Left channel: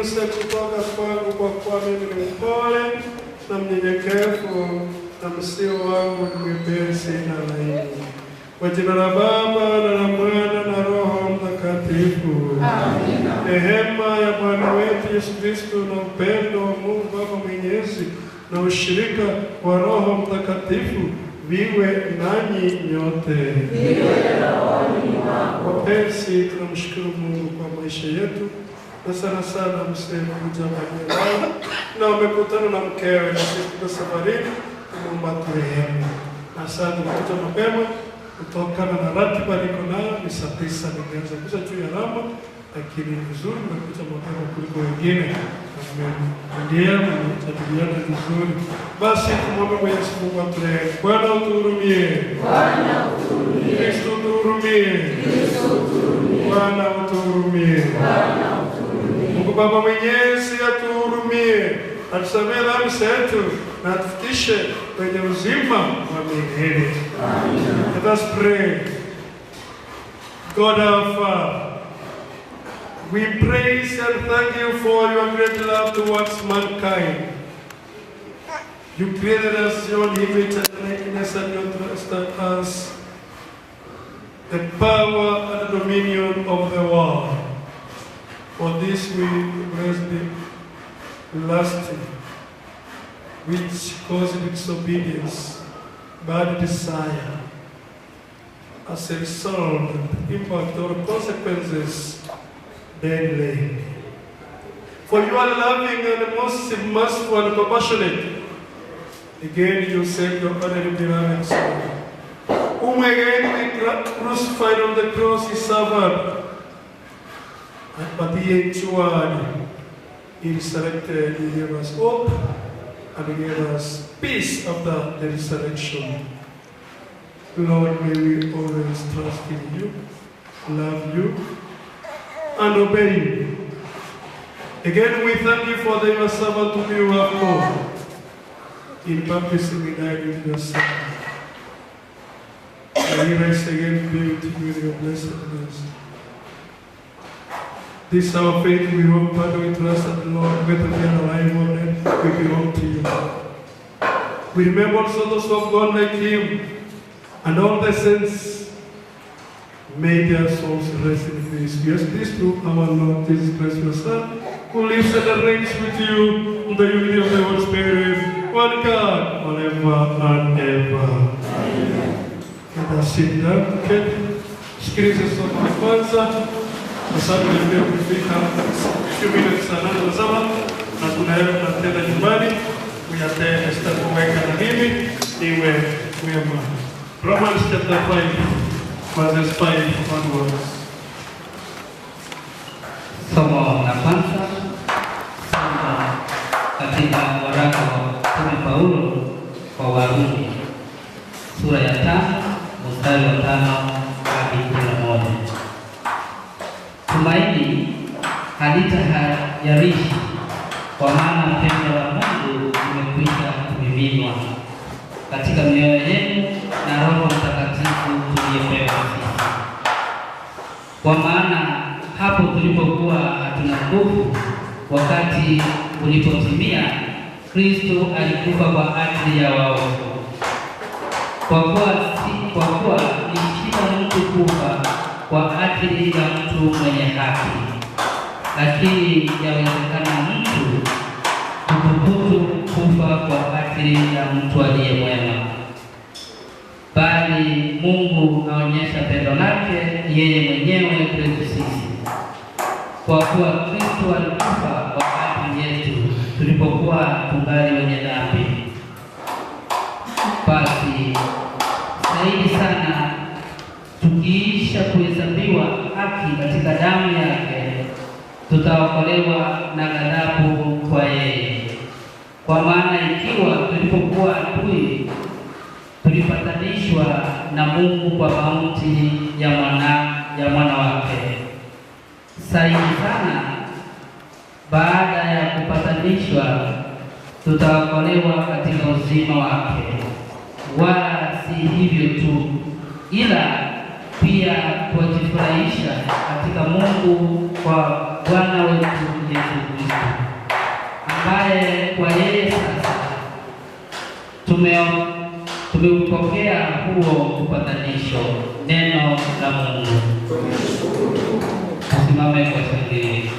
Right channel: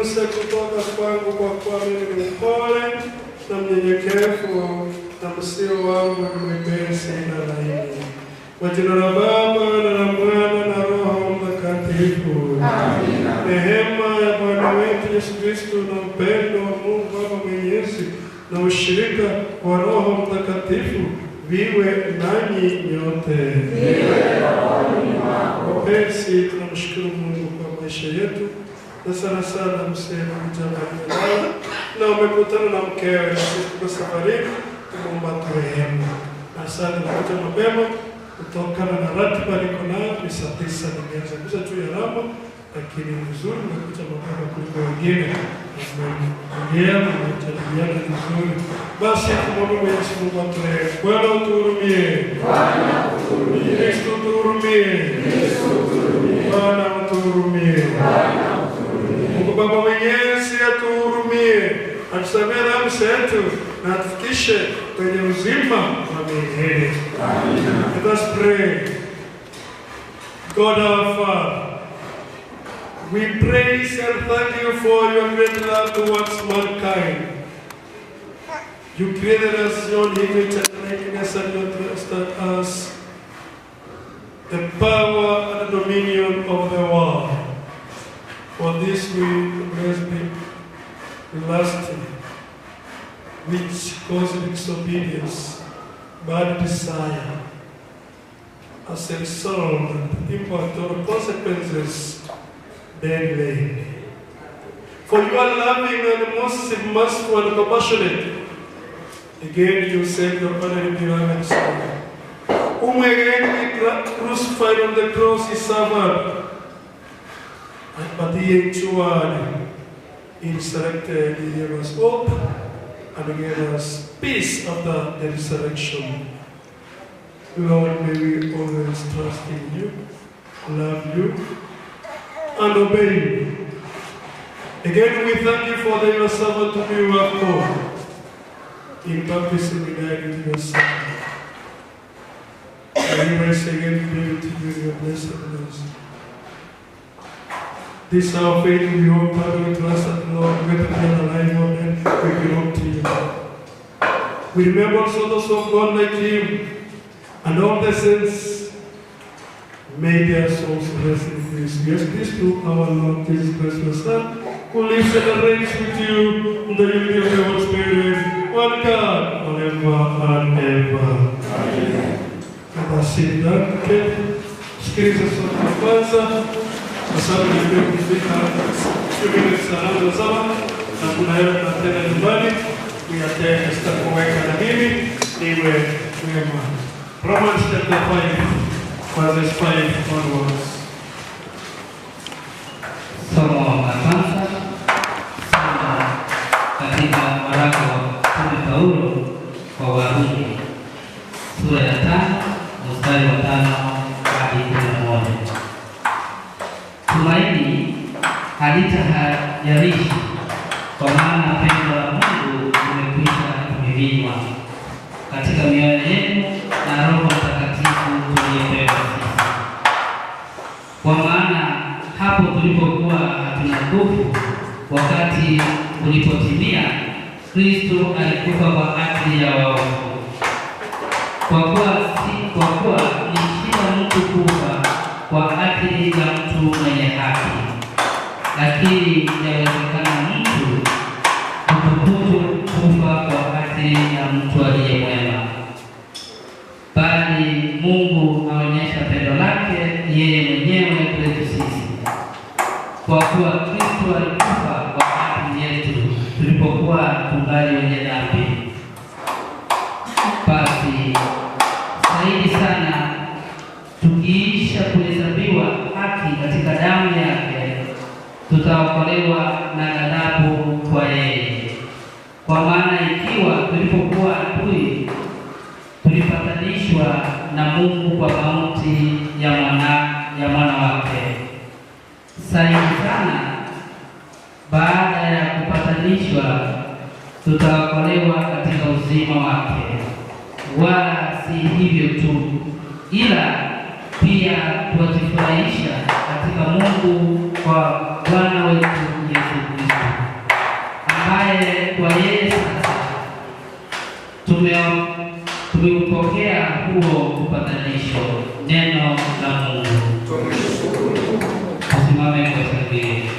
uniguse kutoka kwangu, kwa kuwa mimi ni mpole na mnyenyekevu, na msio wangu ni mwepesi na laini. Kwa jina la Baba na la Mwana na Roho Mtakatifu. Amina. Rehema ya Bwana wetu Yesu Kristo na upendo wa Mungu Baba Mwenyezi na ushirika wa Roho Mtakatifu viwe nanyi nyote. Wapenzi, tunamshukuru Mungu kwa maisha yetu, na sana sana Mzee Barnabas na umekutana na mkewe, na sisi tuko safarini, tunaomba turehemu. Asante kwa mapema kutokana na ratiba niko nayo, ni saa 9 nimeanza kuja juu ya rama, lakini vizuri nimekuja mapema kuliko wengine. Ndio tunajadiliana vizuri. Basi tumwombe Mwenyezi Mungu aturehemu. Bwana utuhurumie. Bwana utuhurumie. Kristo utuhurumie. Kristo utuhurumie. Bwana utuhurumie. Bwana utuhurumie. Mungu Baba Mwenyezi atuhurumie, atusamehe dhambi zetu na atufikishe kwenye uzima wa milele. Amen. Let us pray. God our Father, we praise and thank you for your great love towards mankind. You created us your image and likeness, and you entrusted us the power and the dominion of the world. For this we bless the lasting, which causes disobedience, bad desire, as a result and impact or consequences daily. For you are loving and most merciful and compassionate. Again you save your only beloved Son, whom again we crucified on the cross he suffered, but he endured, he resurrected, he gave us hope, and he gave us peace after the resurrection. Lord, may we always trust in you, love you, and obey you. Again, we thank you for your servant whom you have called. In baptism, we died with your Son. May you rise again, be with you in your blessedness. This our faith, we hope, Father, we trust that the Lord, whether we are alive or dead, we belong to you. We remember also those who have gone like him, and all the saints, may their souls rest in peace. We ask this through our Lord Jesus Christ, your Son, who lives and reigns with you in the unity of the Holy Spirit, one God, forever and ever. Amen. Let us sit down. Okay. Sikiliza somo la kwanza. Asante ndio kufika few minutes sana sana, na tunaenda tena nyumbani kuyatenda sitakuweka na mimi niwe mwema. Romans chapter 5 verses 5 onwards. Somo la kwanza katika waraka wa Paulo kwa Warumi sura ya 5 mstari wa 5 hadi 11. Tumaini halitahayarishi, kwa maana pendo la Mungu limekwisha kumiminwa katika mioyo yenu na Roho Mtakatifu tuliyepewa sisi. Kwa maana hapo tulipokuwa hatuna nguvu, wakati ulipotimia, Kristo alikufa kwa ajili ya waovu. Kwa kuwa ni shida mtu kufa kwa ajili ya mtu mwenye haki, lakini yawezekana mtu kutukutu kufa kwa ajili ya mtu aliye mwema. Bali Mungu aonyesha pendo lake yeye mwenyewe kwetu sisi, kwa kuwa Kristo alikufa kwa ajili yetu tulipokuwa tungali wenye dhambi. Basi zaidi sana tukiisha kuhesabiwa haki katika damu yake, tutaokolewa na ghadhabu kwa yeye. Kwa maana ikiwa tulipokuwa adui, tulipatanishwa na Mungu kwa mauti ya mwana wake, zaidi sana baada ya kupatanishwa tutaokolewa katika uzima wake. Wala si hivyo tu, ila pia tuwajifurahisha katika Mungu kwa Bwana wetu Yesu Kristo, ambaye kwa yeye sasa tumeupokea huo upatanisho, neno la Mungu. Tusimame kwa shangwe.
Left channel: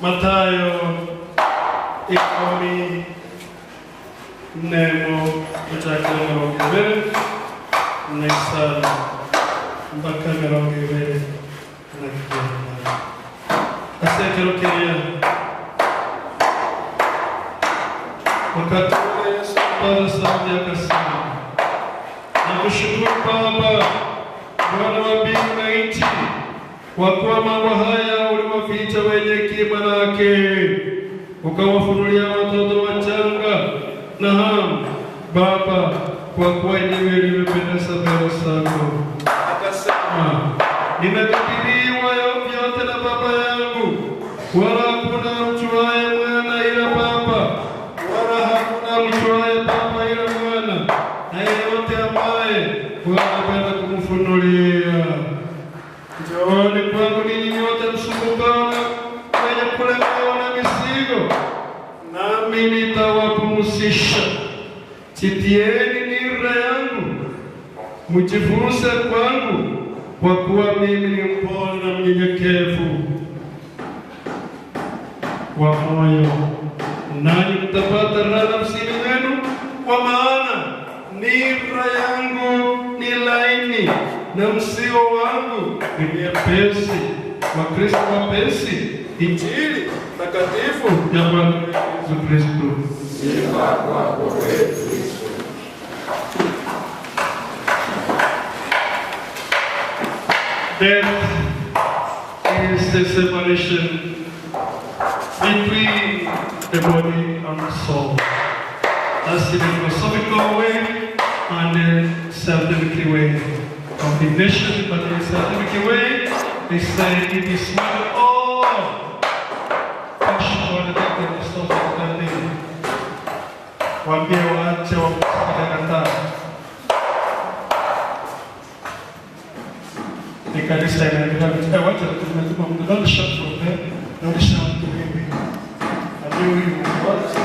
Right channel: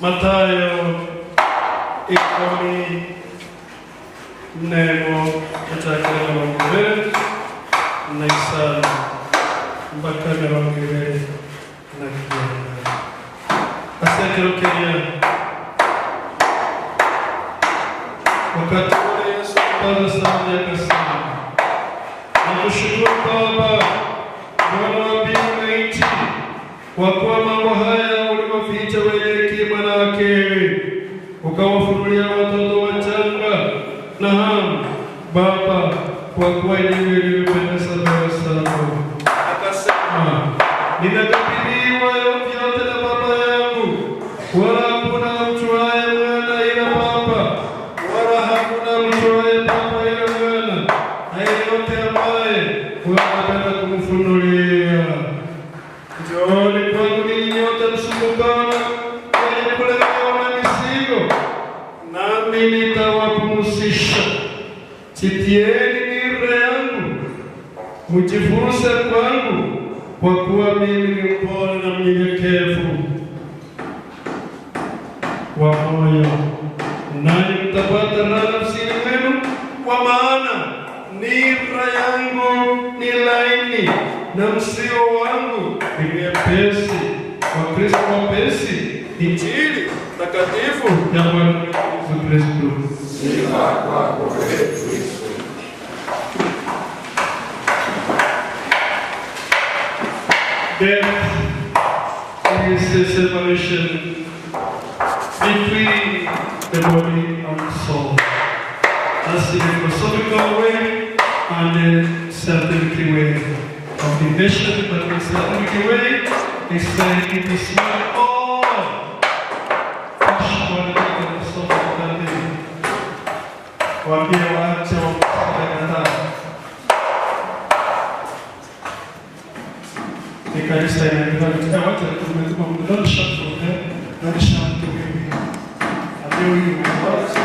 Mathayo ikoni nemo kuchakana wangewele na isala mpaka na wangewele na kijana. Asante Rokeria. Wakati ule Yesu mpaka sana akasema, nakushukuru Baba, Bwana wa mbingu na nchi, kwa kuwa mambo haya uliwaficha wenye hekima na akili, ukawafunulia watoto wachanga. Naam Baba, kwa kuwa ndivyo ilivyopendeza mbele zako. Akasema, ninakabidhiwa vyote na Baba yangu, wala hakuna amjuaye Mwana ila Baba, wala hakuna amjuaye Baba ila Mwana, na yeyote ambaye wanapenda kumfunulia. Njooni kwangu ninyi nyote msumbukao wenye kulemewa na mizigo, nami nitawapumzisha. Jitieni nira yangu, mjifunze kwangu, kwa kuwa mimi ni mpole na mnyenyekevu wa moyo, nanyi mtapata raha nafsini mwenu, kwa maana nira yangu ni laini na mzigo wangu ni mwepesi. Wa Kristo wapesi. Injili takatifu ya Bwana Yesu Kristo. Sifa kwako Kristo. Death is the separation between the body and the soul. That's the philosophical way and the scientific way of the mission, but the scientific way is like it is not all ni kanisa inaendelea. Wacha tumetuma mtu, don't shout for them, don't shout to me. Amio hiyo basi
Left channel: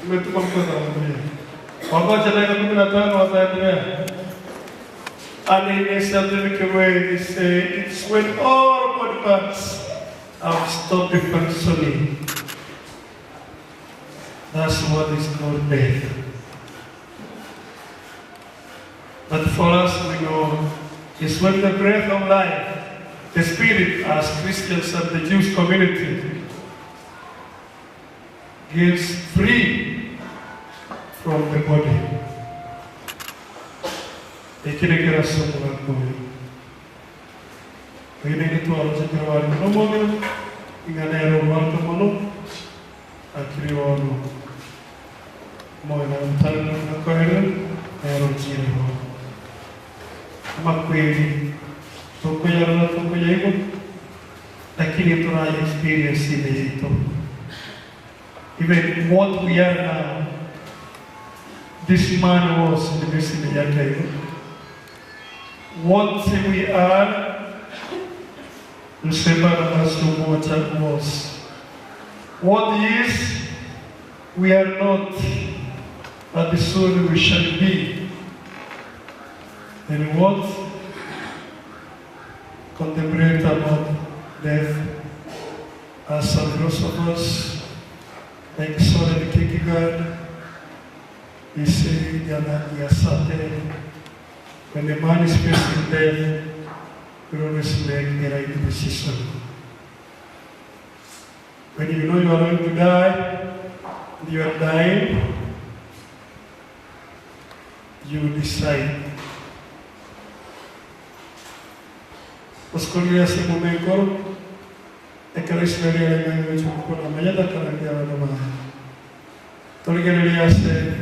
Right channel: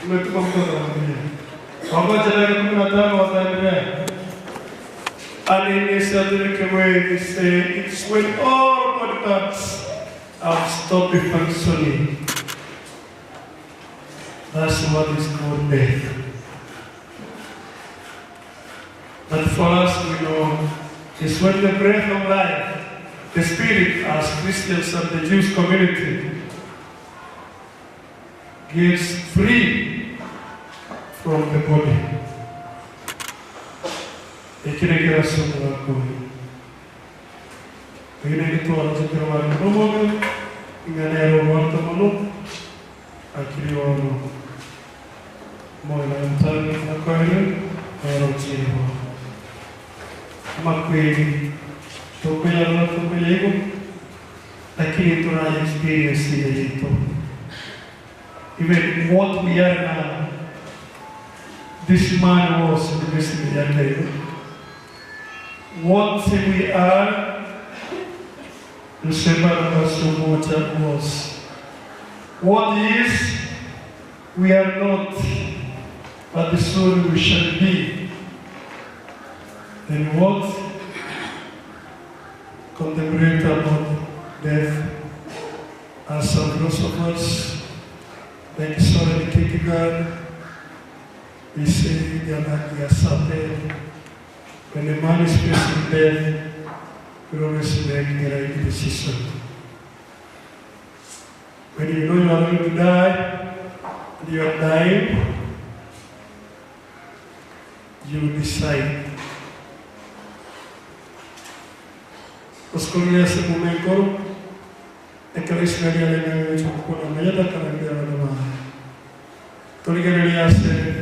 tumetuma mtu anaendelea. Wagoja leo 15 wataendelea. And in a certain way they say it's when all body parts have stopped functioning. That's what is called death. But for us, we know it's when the breath of life, the Spirit, as Christians of the Jewish community, gives free from the body. Ekireke somo lako. Wengine ni tu wanachokera wale mmoja, inganero watu mmoja, akili wao moyo na mtani na kweli, na chini. Kama kweli tukuja hivyo, lakini tuna experience ile ito. Even what we are now, this man was in the destiny yake. What we are, Mzee Barnabas Omwocha was. What is, we are not, but the soul we shall be. And what? Contemplate about death. As some philosophers, like Soren Kierkegaard, he said, they are certain. When a man is facing death, you always make the right decision. When you know you are going to die, and you are dying, you decide. Oscolria se momento, e carismaria le mie con la mia da carandia la domani. Togliere se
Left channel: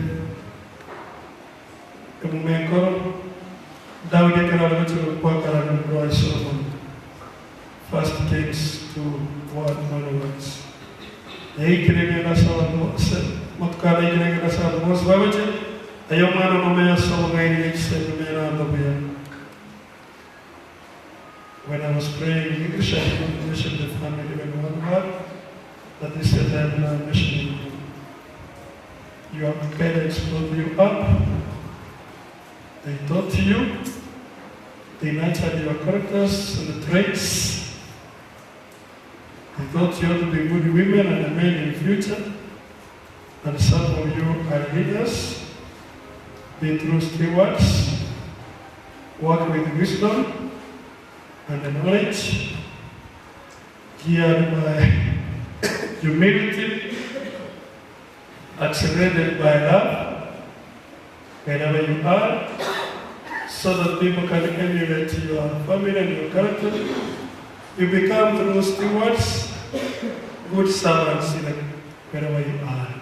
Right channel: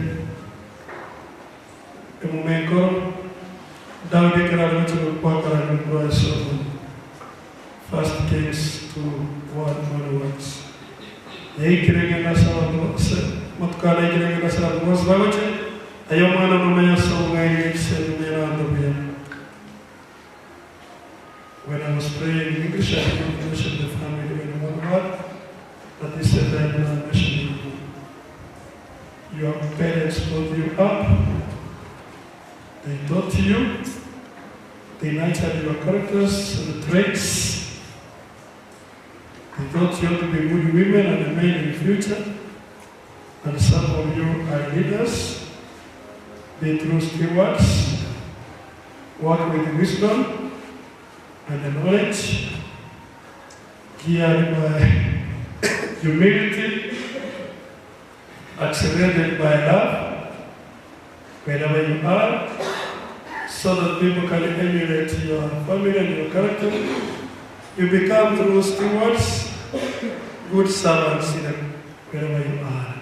e momento Daudi kana mtu kwa kana kwa somo. First Kings 2:1 Ei kirege na sawa mose mutkala kirege na sawa mose bagoche ayo mano no me so ngai se me na dobia. When I was praying in English, I didn't mention the family when one word, but they said that I'm mentioning your parents brought you up. They taught you, they nurtured your characters and the traits. They taught you to be good women and men in the future. And some of you are leaders, be true stewards, walk with wisdom and the knowledge, geared by humility, accelerated by love, wherever you are, so that people can emulate your family and your character. You become true stewards, good servants wherever you are.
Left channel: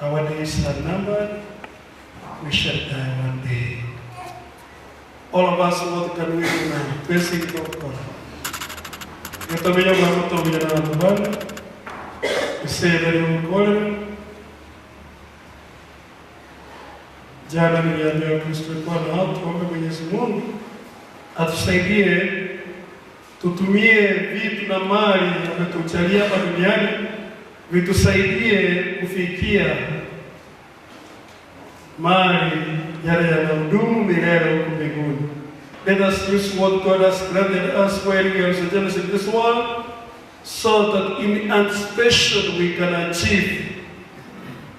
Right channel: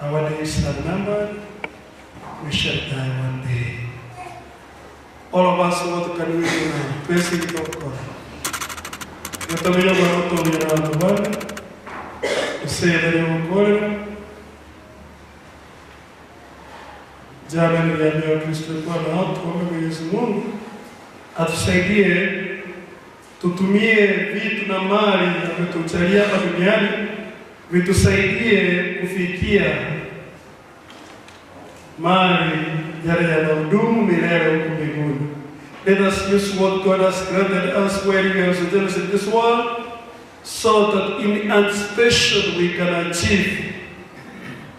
Our days are numbered, we shall die one day. All of us, what can we do now? Praising God. You have to be able to be around the world. You say that you will call it. Jana niliambia Kristo Bwana hao tuombe Mwenyezi Mungu atusaidie tutumie vitu na mali ametujalia hapa duniani vitusaidie kufikia mali yale yanayodumu milele huko mbinguni. Let us use what God has granted us while we are sojourners in this world, so that in anticipation we can achieve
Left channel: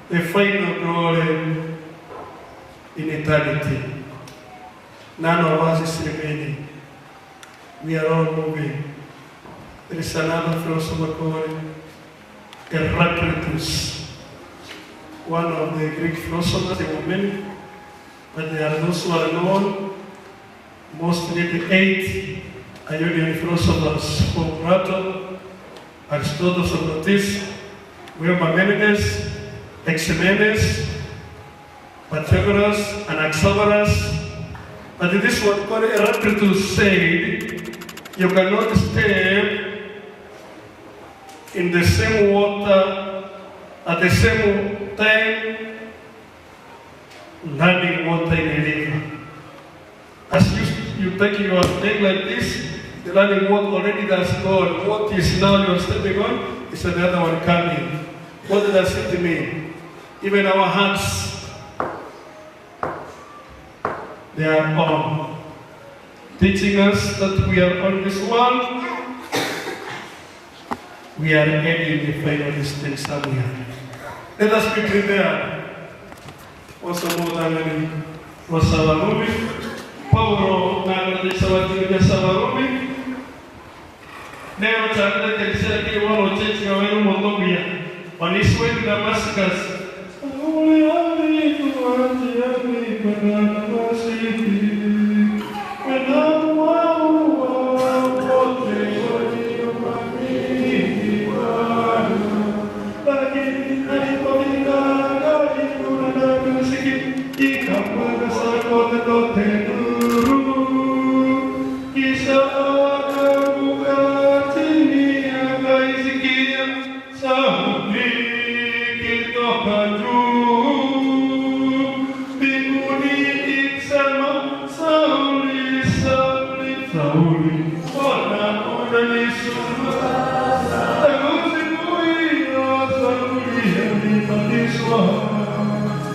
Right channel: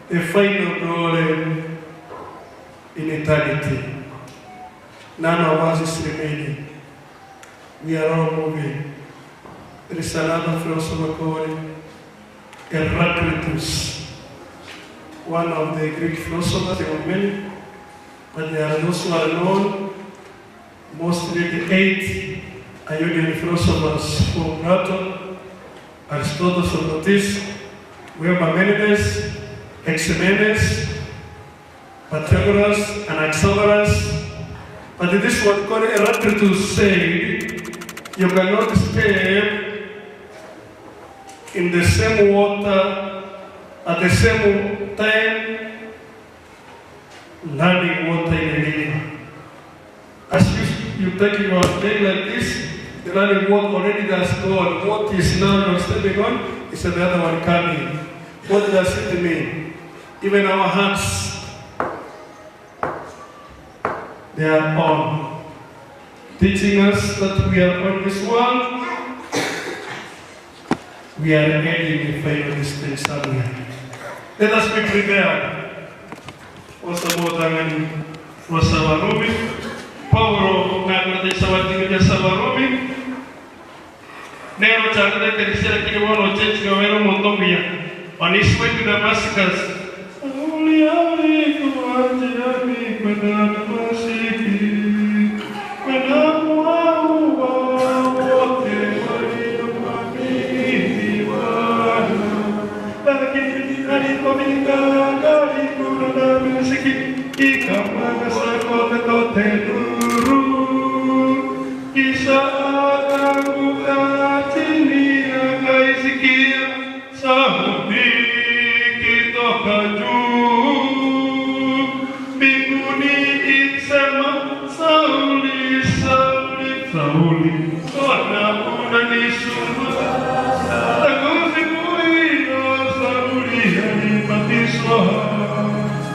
the final glory in eternity. None of us is remaining. We are all moving. There is another philosopher called Heraclitus, one of the Greek philosophers. There were many, but there are those who are known, mostly the 8 Ionian philosophers from Plato, Aristotle, Socrates, Parmenides, Ximenes, Pythagoras, and Anaxagoras. But this one called Heraclitus said, you cannot stay in the same water at the same time, running water in a river. taking your thing like this, the running walk already that's gone. What is now you're stepping on is another one coming. What does it mean? Even our hands, they are on, teaching us that we are on this world. We are heading the final distance somewhere. Let us be prepared. Also, more than was our Rumi. Paulo na sawatinga ya Sawarumi. Neo chakle kelisera kile wano chechi wa weno motombia. On his way to Damascus.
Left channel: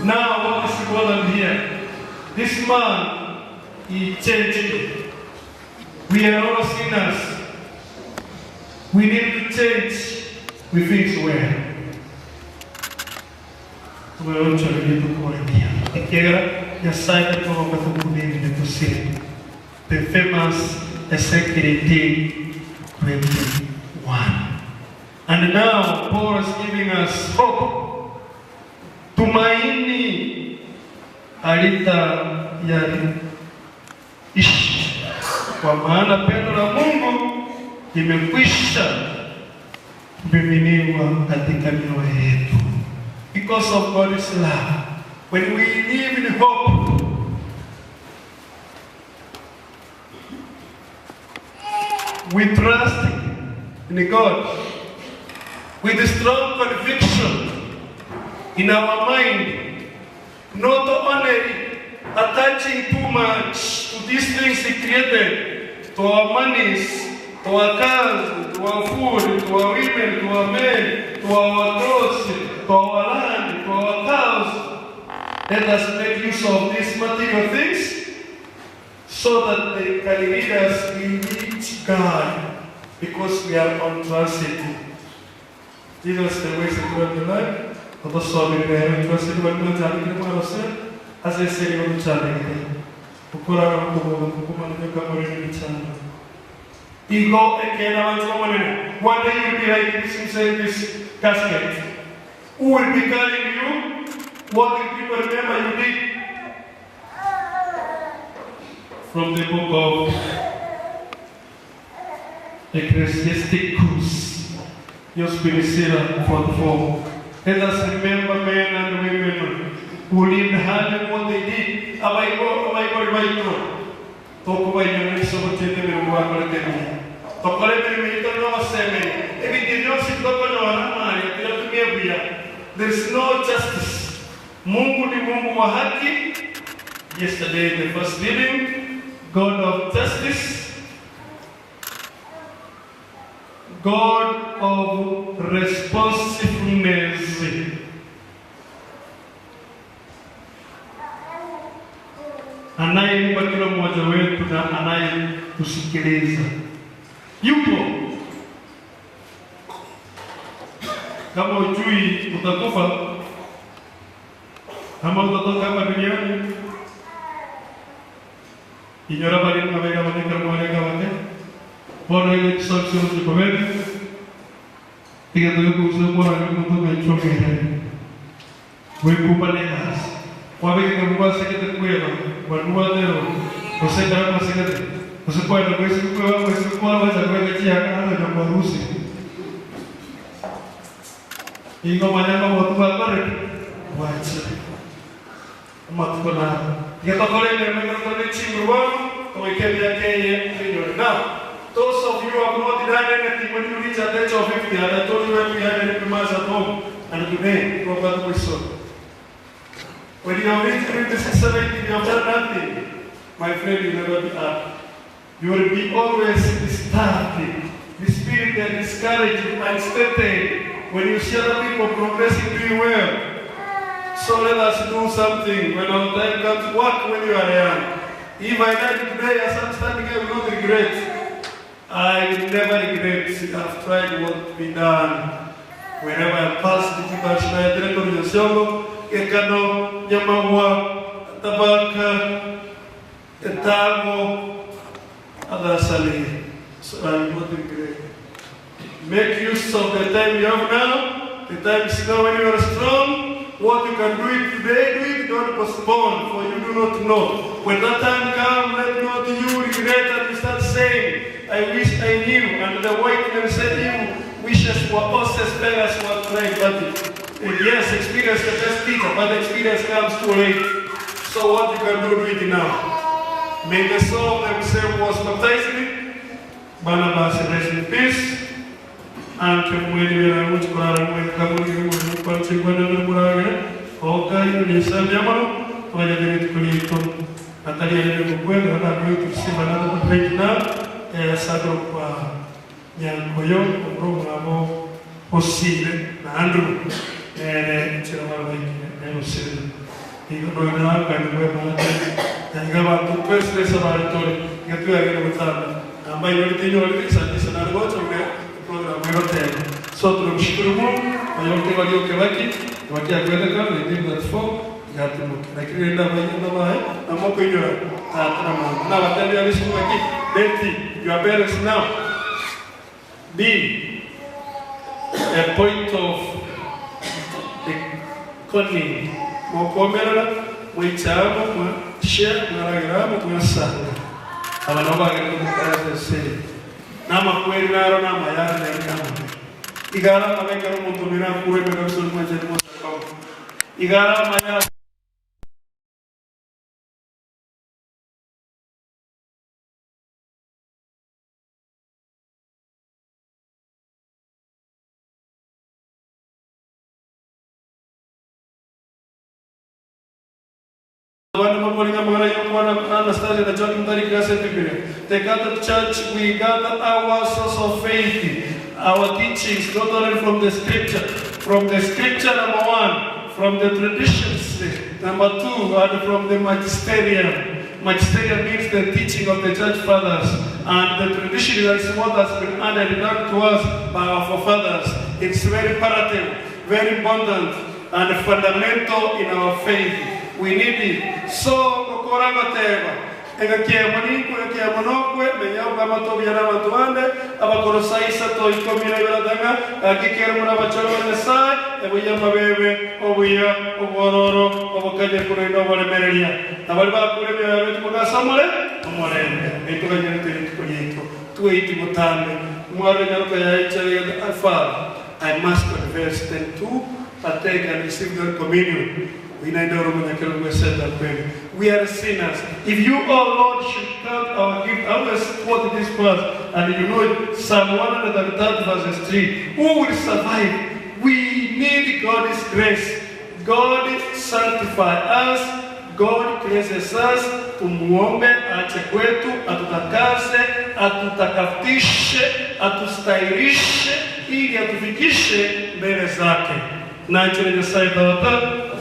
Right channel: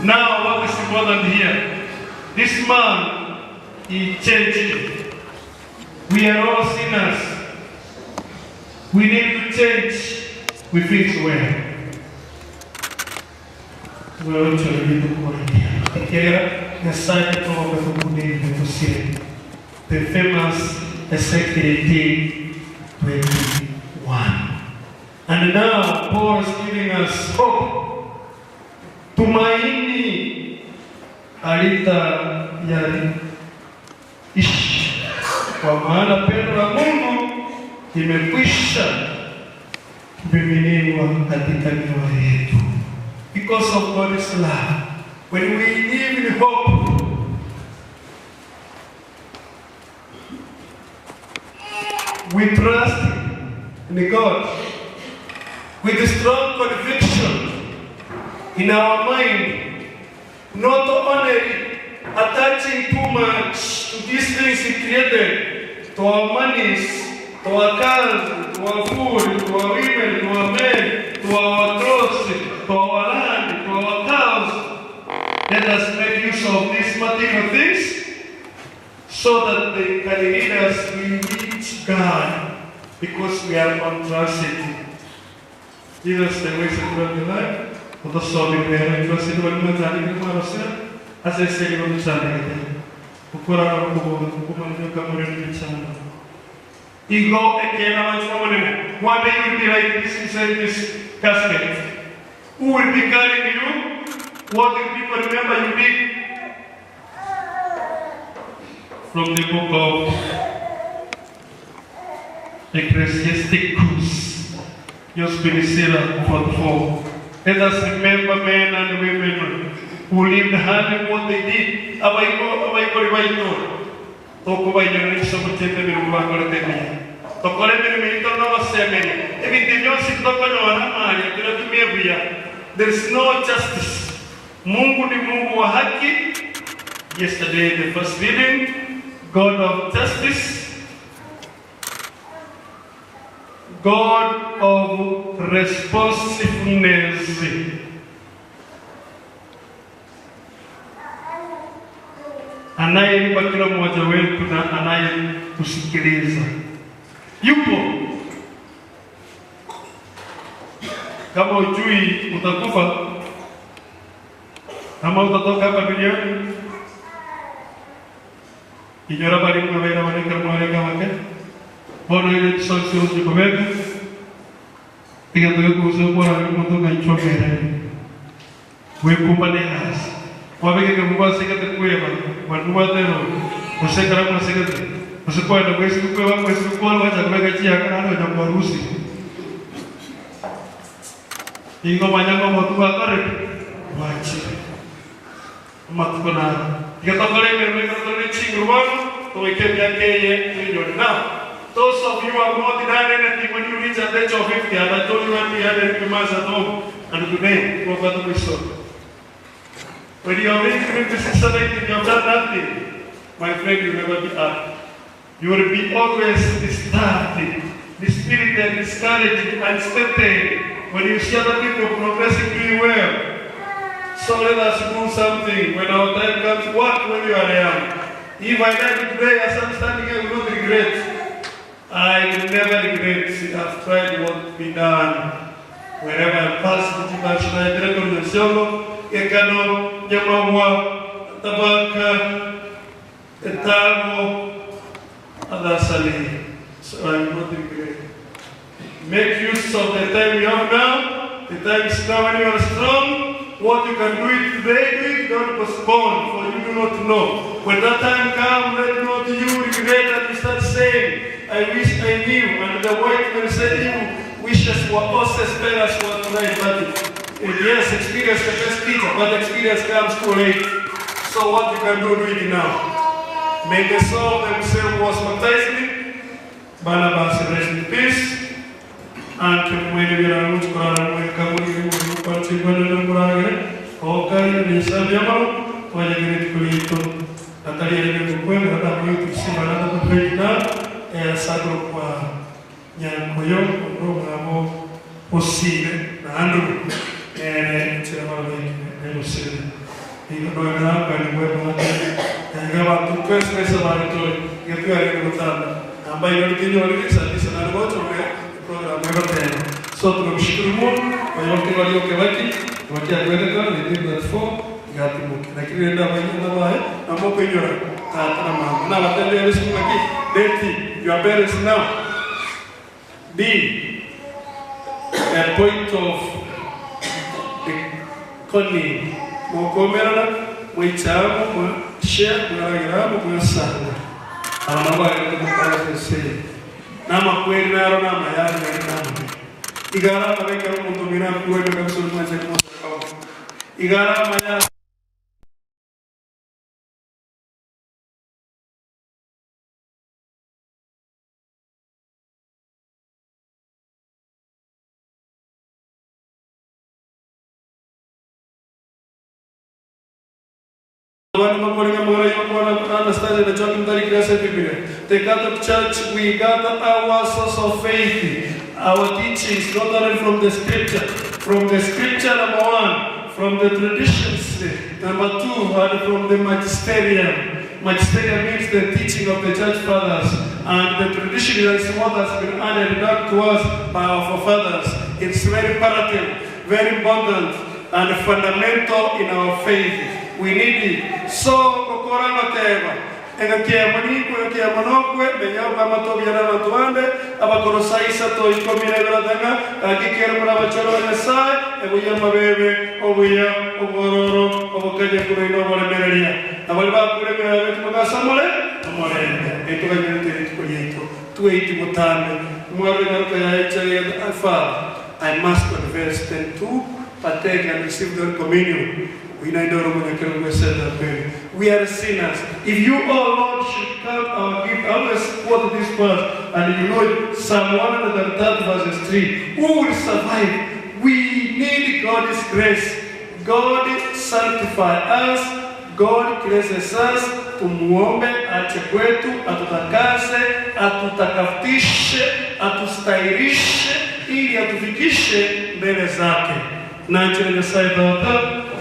Now, what is important here? This man, he changed. We are all sinners. We need to change. We fix well. We're also really good quality. The famous Ezekiel 21. And now Paul is giving us hope. Tumaini alita ya ishi. Kwa maana pendo la Mungu limekwisha kumiminiwa katika mioyo yetu. Because of God's love. When we live in hope, we trust in God with a strong conviction in our mind, not only attaching too much to these things He created, to our monies, to our cars, to our food, to our women, to our men, to our clothes, to our land, to our cows. Let us make use of these material things so that they can lead us to reach God, because we are on transit. Jesus, the way to go to life, for the soul in there, it was in one time in the Marosel, as I say, on the channel. Ukura Kuman, the Cameroon channel. Ego again, I one day you'll be like this inside this casket. Who will be carrying you? What will people remember you did? From the book of Eucharistic, just Benicera 44. Let us remember men and women who lived hard in what they did. There is no justice. Mungu ni Mungu wa haki. Yesterday, the first reading, God of justice, God of responsiveness. Anayempa kila mmoja wetu na anayekusikiliza. Yupo. Kama ujui utakufa, kama utatoka hapa duniani, inyora bali mwaweka mwaweka wake. Bono ile tisosio usikomeke. Pia ndio kuzokuwa mtu kaichokera. Wekumba negas. Wabeke kama sekete kuema, wanua leo. Usekara na sekete. Usipoe na kusipoe wako usipoe wacha kuweka chia kana na kuruhusi. Ingo manyama watu wakore. Wacha. Matukona. Ikatokole ngere chingurwa, toikebya keye now. Those of you who have not done anything when you reach the age of 50, and I told you when we had a mass at home, and today, Robert Wilson. When you have reached 56, 70, you have done nothing. My friend, you will never be up. You will be always disturbed, dispirited, discouraged, unsteady when you see other people progressing, doing well. So let us do something when our time comes. Work when you are young. If I die today as I'm standing here, I will not regret. I will never regret. I've tried what we done. Wherever I pass, the Ekano, Yamawa, Tabaka, Etamo, Adasali. So I will not regret. Make use of the time you have now. The time is now when you are strong. What you can do it today, do it, don't postpone, for you do not know. When that time comes, let not you regret and you start saying, I wish I knew. And the white man said, you wishes were also experience what tonight, but yes, experience the best teacher, but experience comes too late. So what you can do it now. May the soul of themselves was baptized in Barnabas rest in peace. And when we are going to go to so tunamshukuru Mungu kwa yote waliokebaki wakia kwenda kana ndio that form ngati muke lakini nenda bayina bae na moko inyora tata mama na watende yale siku ngaki denti your parents now be a point of cunning mokomera mwichamo mwa share mwaragiramo mwa sana abana bagenda kukaza se nama kweli naro nama yari na Igara ameka umuntu mira kuweka kabisa mwaje kumosa kwa Igara maya The Catholic Church, we gather our source of faith, our teachings, not only from the scripture, number one, from the traditions, number two, and from the magisterium. Magisterium means the teaching of the church fathers, and the tradition is what has been added down to us by our forefathers. It's very imperative, very important, and fundamental in our faith. We need it. So, Kokorama Teva. Engakia maniko, engakia manokwe, benyao kama tobi yana matuande, abakorosai sato ikomina ibaradanga, akikera muna bacharo nesai, ebuya mabebe, obuya, obororo, obokanye kureino bolemereria. Abaliba kuremia wetu mugasamole, amorende. Eto kanyente eto tueiti mutane. Mware nyaruka ya ichari ya Father, I must confess them to partake and receive their communion. We are sinners. If you, oh Lord, should count our gift, I always quote this verse, and you know Psalm 130 verses 3. Who will survive? We need God's grace. God sanctify us. God cleanses us. Tumuombe ache kwetu, atutakase, atutakafishe, atustahirishe, ili atufikishe mbele zake. Na nchini saida wata ya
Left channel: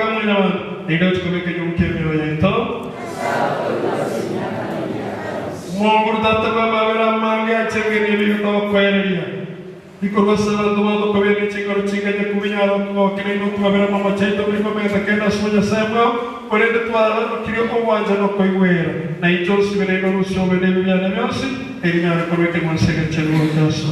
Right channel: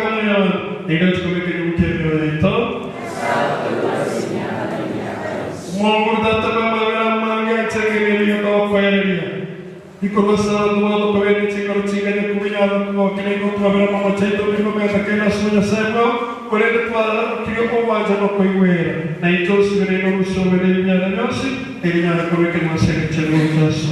kamwe ndio tukomeke utembeo letu. Mungu tataba mabera mangi achengeri yo kwaelia. Ikorosa ndo kwa vile chingaro chingene kubinyala kwa kile ndo mabera mama chaito ndiko meza kenda soja sema kolende twala kile kwa wanja no koiwera. Na ito sibere no sobe de binyala nyosi elinyala komeke monsere chelo jaso.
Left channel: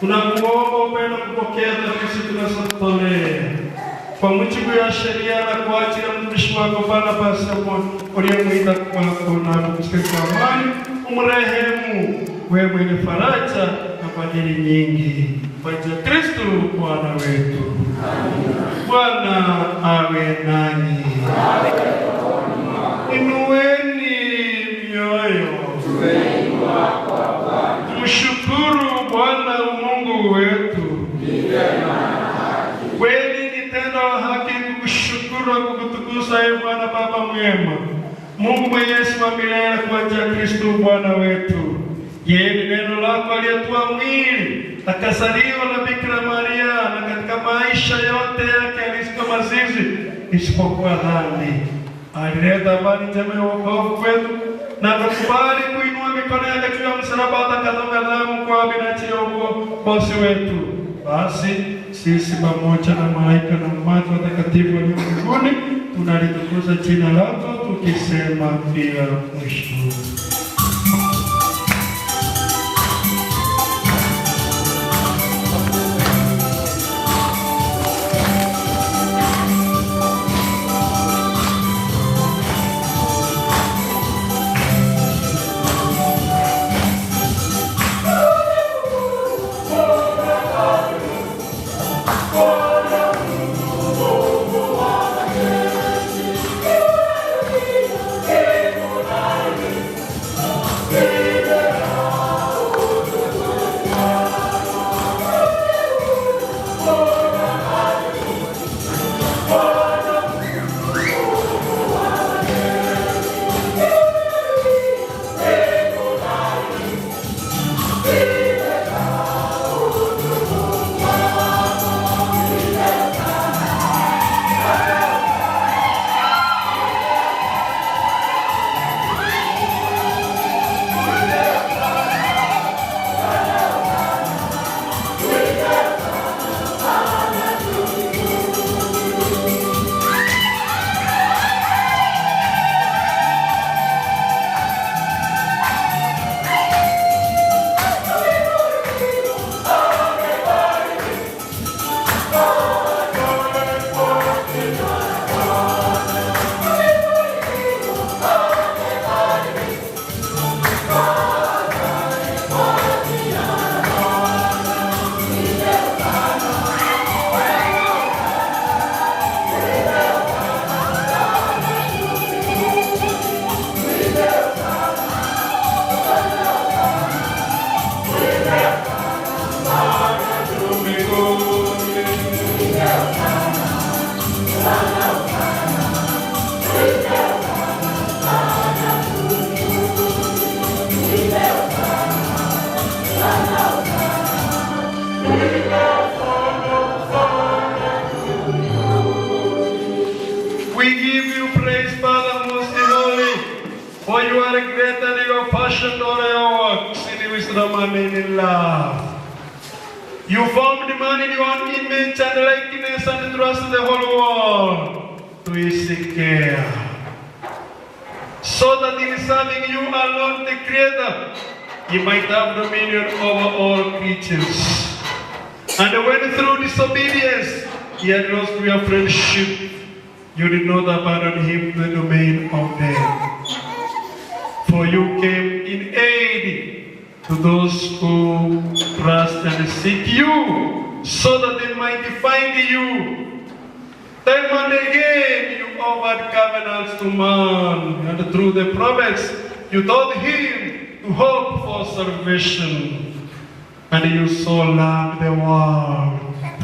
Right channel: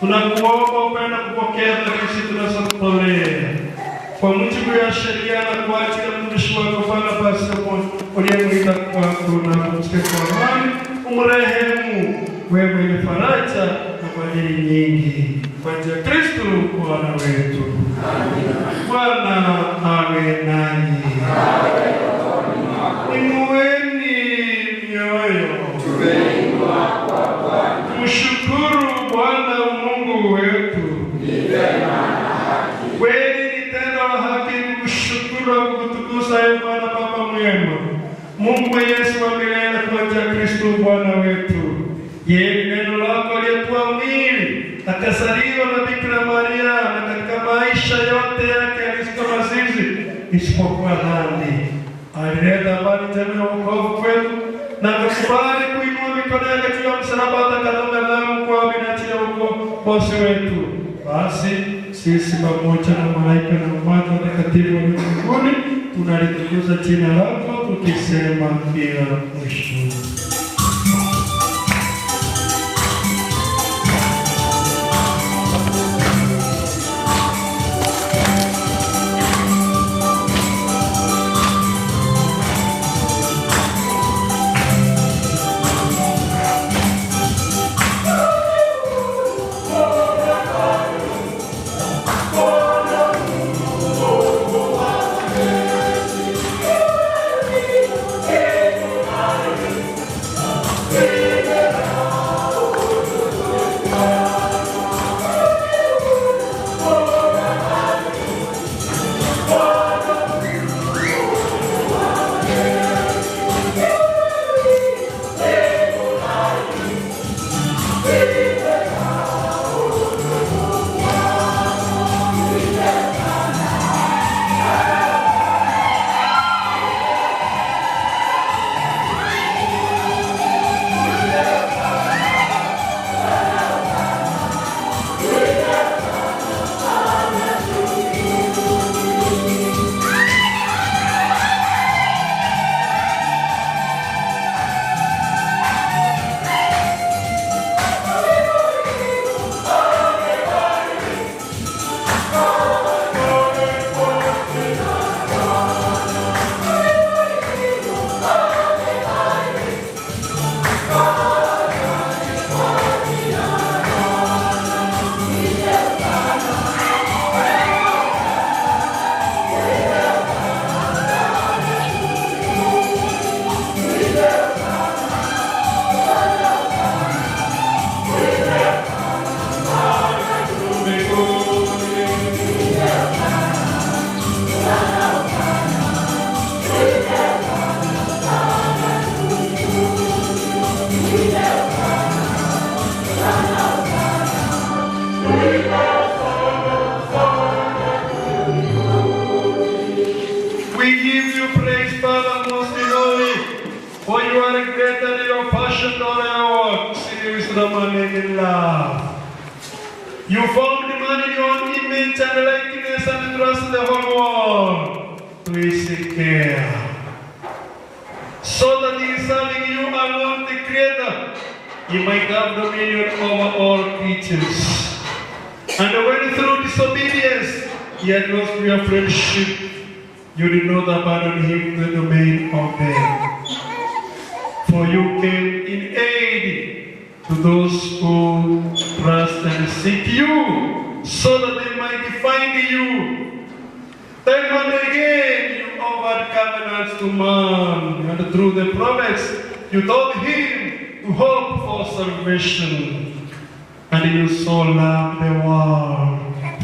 Tunakuomba upende kupokea sisi tunasotolea kwa mujibu ya sheria na kwa ajili ya mtumishi wako Barnabas uliyemwita kwako na kumsikia kwa amani, umrehemu wewe mwenye faraja na kwa ajili nyingi kwa njia ya Kristo Bwana wetu. Bwana awe nanyi. Inueni mioyo. Tumshukuru Bwana Mungu wetu. Kweli ni tendo la haki kukushukuru na kukutukuza ewe Bwana Baba mwema, Mungu Yesu wa milele, kwa njia ya Kristo Bwana wetu. Yeye neno lako aliyekuwa mwili akazaliwa na Bikira Maria, na katika maisha yote yake alisika mazizi isipokuwa dhambi. Alileta habari njema ya wokovu kwetu na akakubali kuinua mikono yake juu ya msalaba atakadonga damu kwa minajili ya ukombozi wetu. Basi sisi pamoja na malaika na umati watakatifu wa mbinguni tunalitukuza jina lako tukisema pia mwisho. wisdom and in love. You formed man in your own image and likeness and trust the whole world to his care. So that in serving you alone, the Creator, you might have dominion over all creatures. And when through disobedience he had lost your friendship, you did not abandon him to the domain of death. For you came in aid to those who trust and seek you, so that they might find you. Time and again you offered covenants to man, and through the prophets you taught him to hope for salvation. And you so loved the world,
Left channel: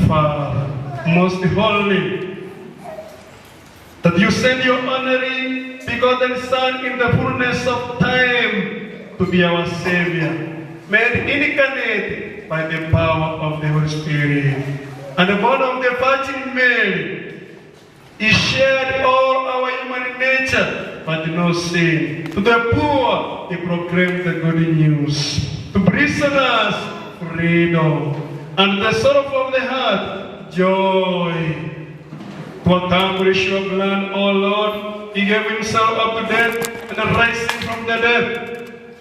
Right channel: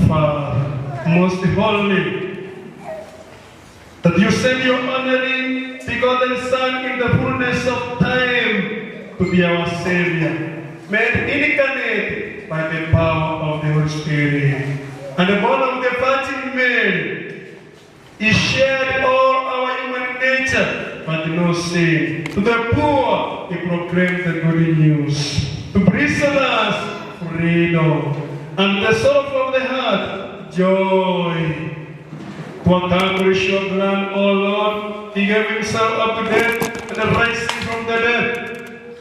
Father, most holy, that you sent your only begotten Son in the fullness of time to be our Savior, made incarnate by the power of the Holy Spirit, and born of the Virgin Mary. He shared all our human nature, but no sin. To the poor, he proclaimed the good news. To prisoners, freedom. And the sorrow of the heart, joy. To accomplish your plan, O Lord, he gave himself up to death and rising from the dead.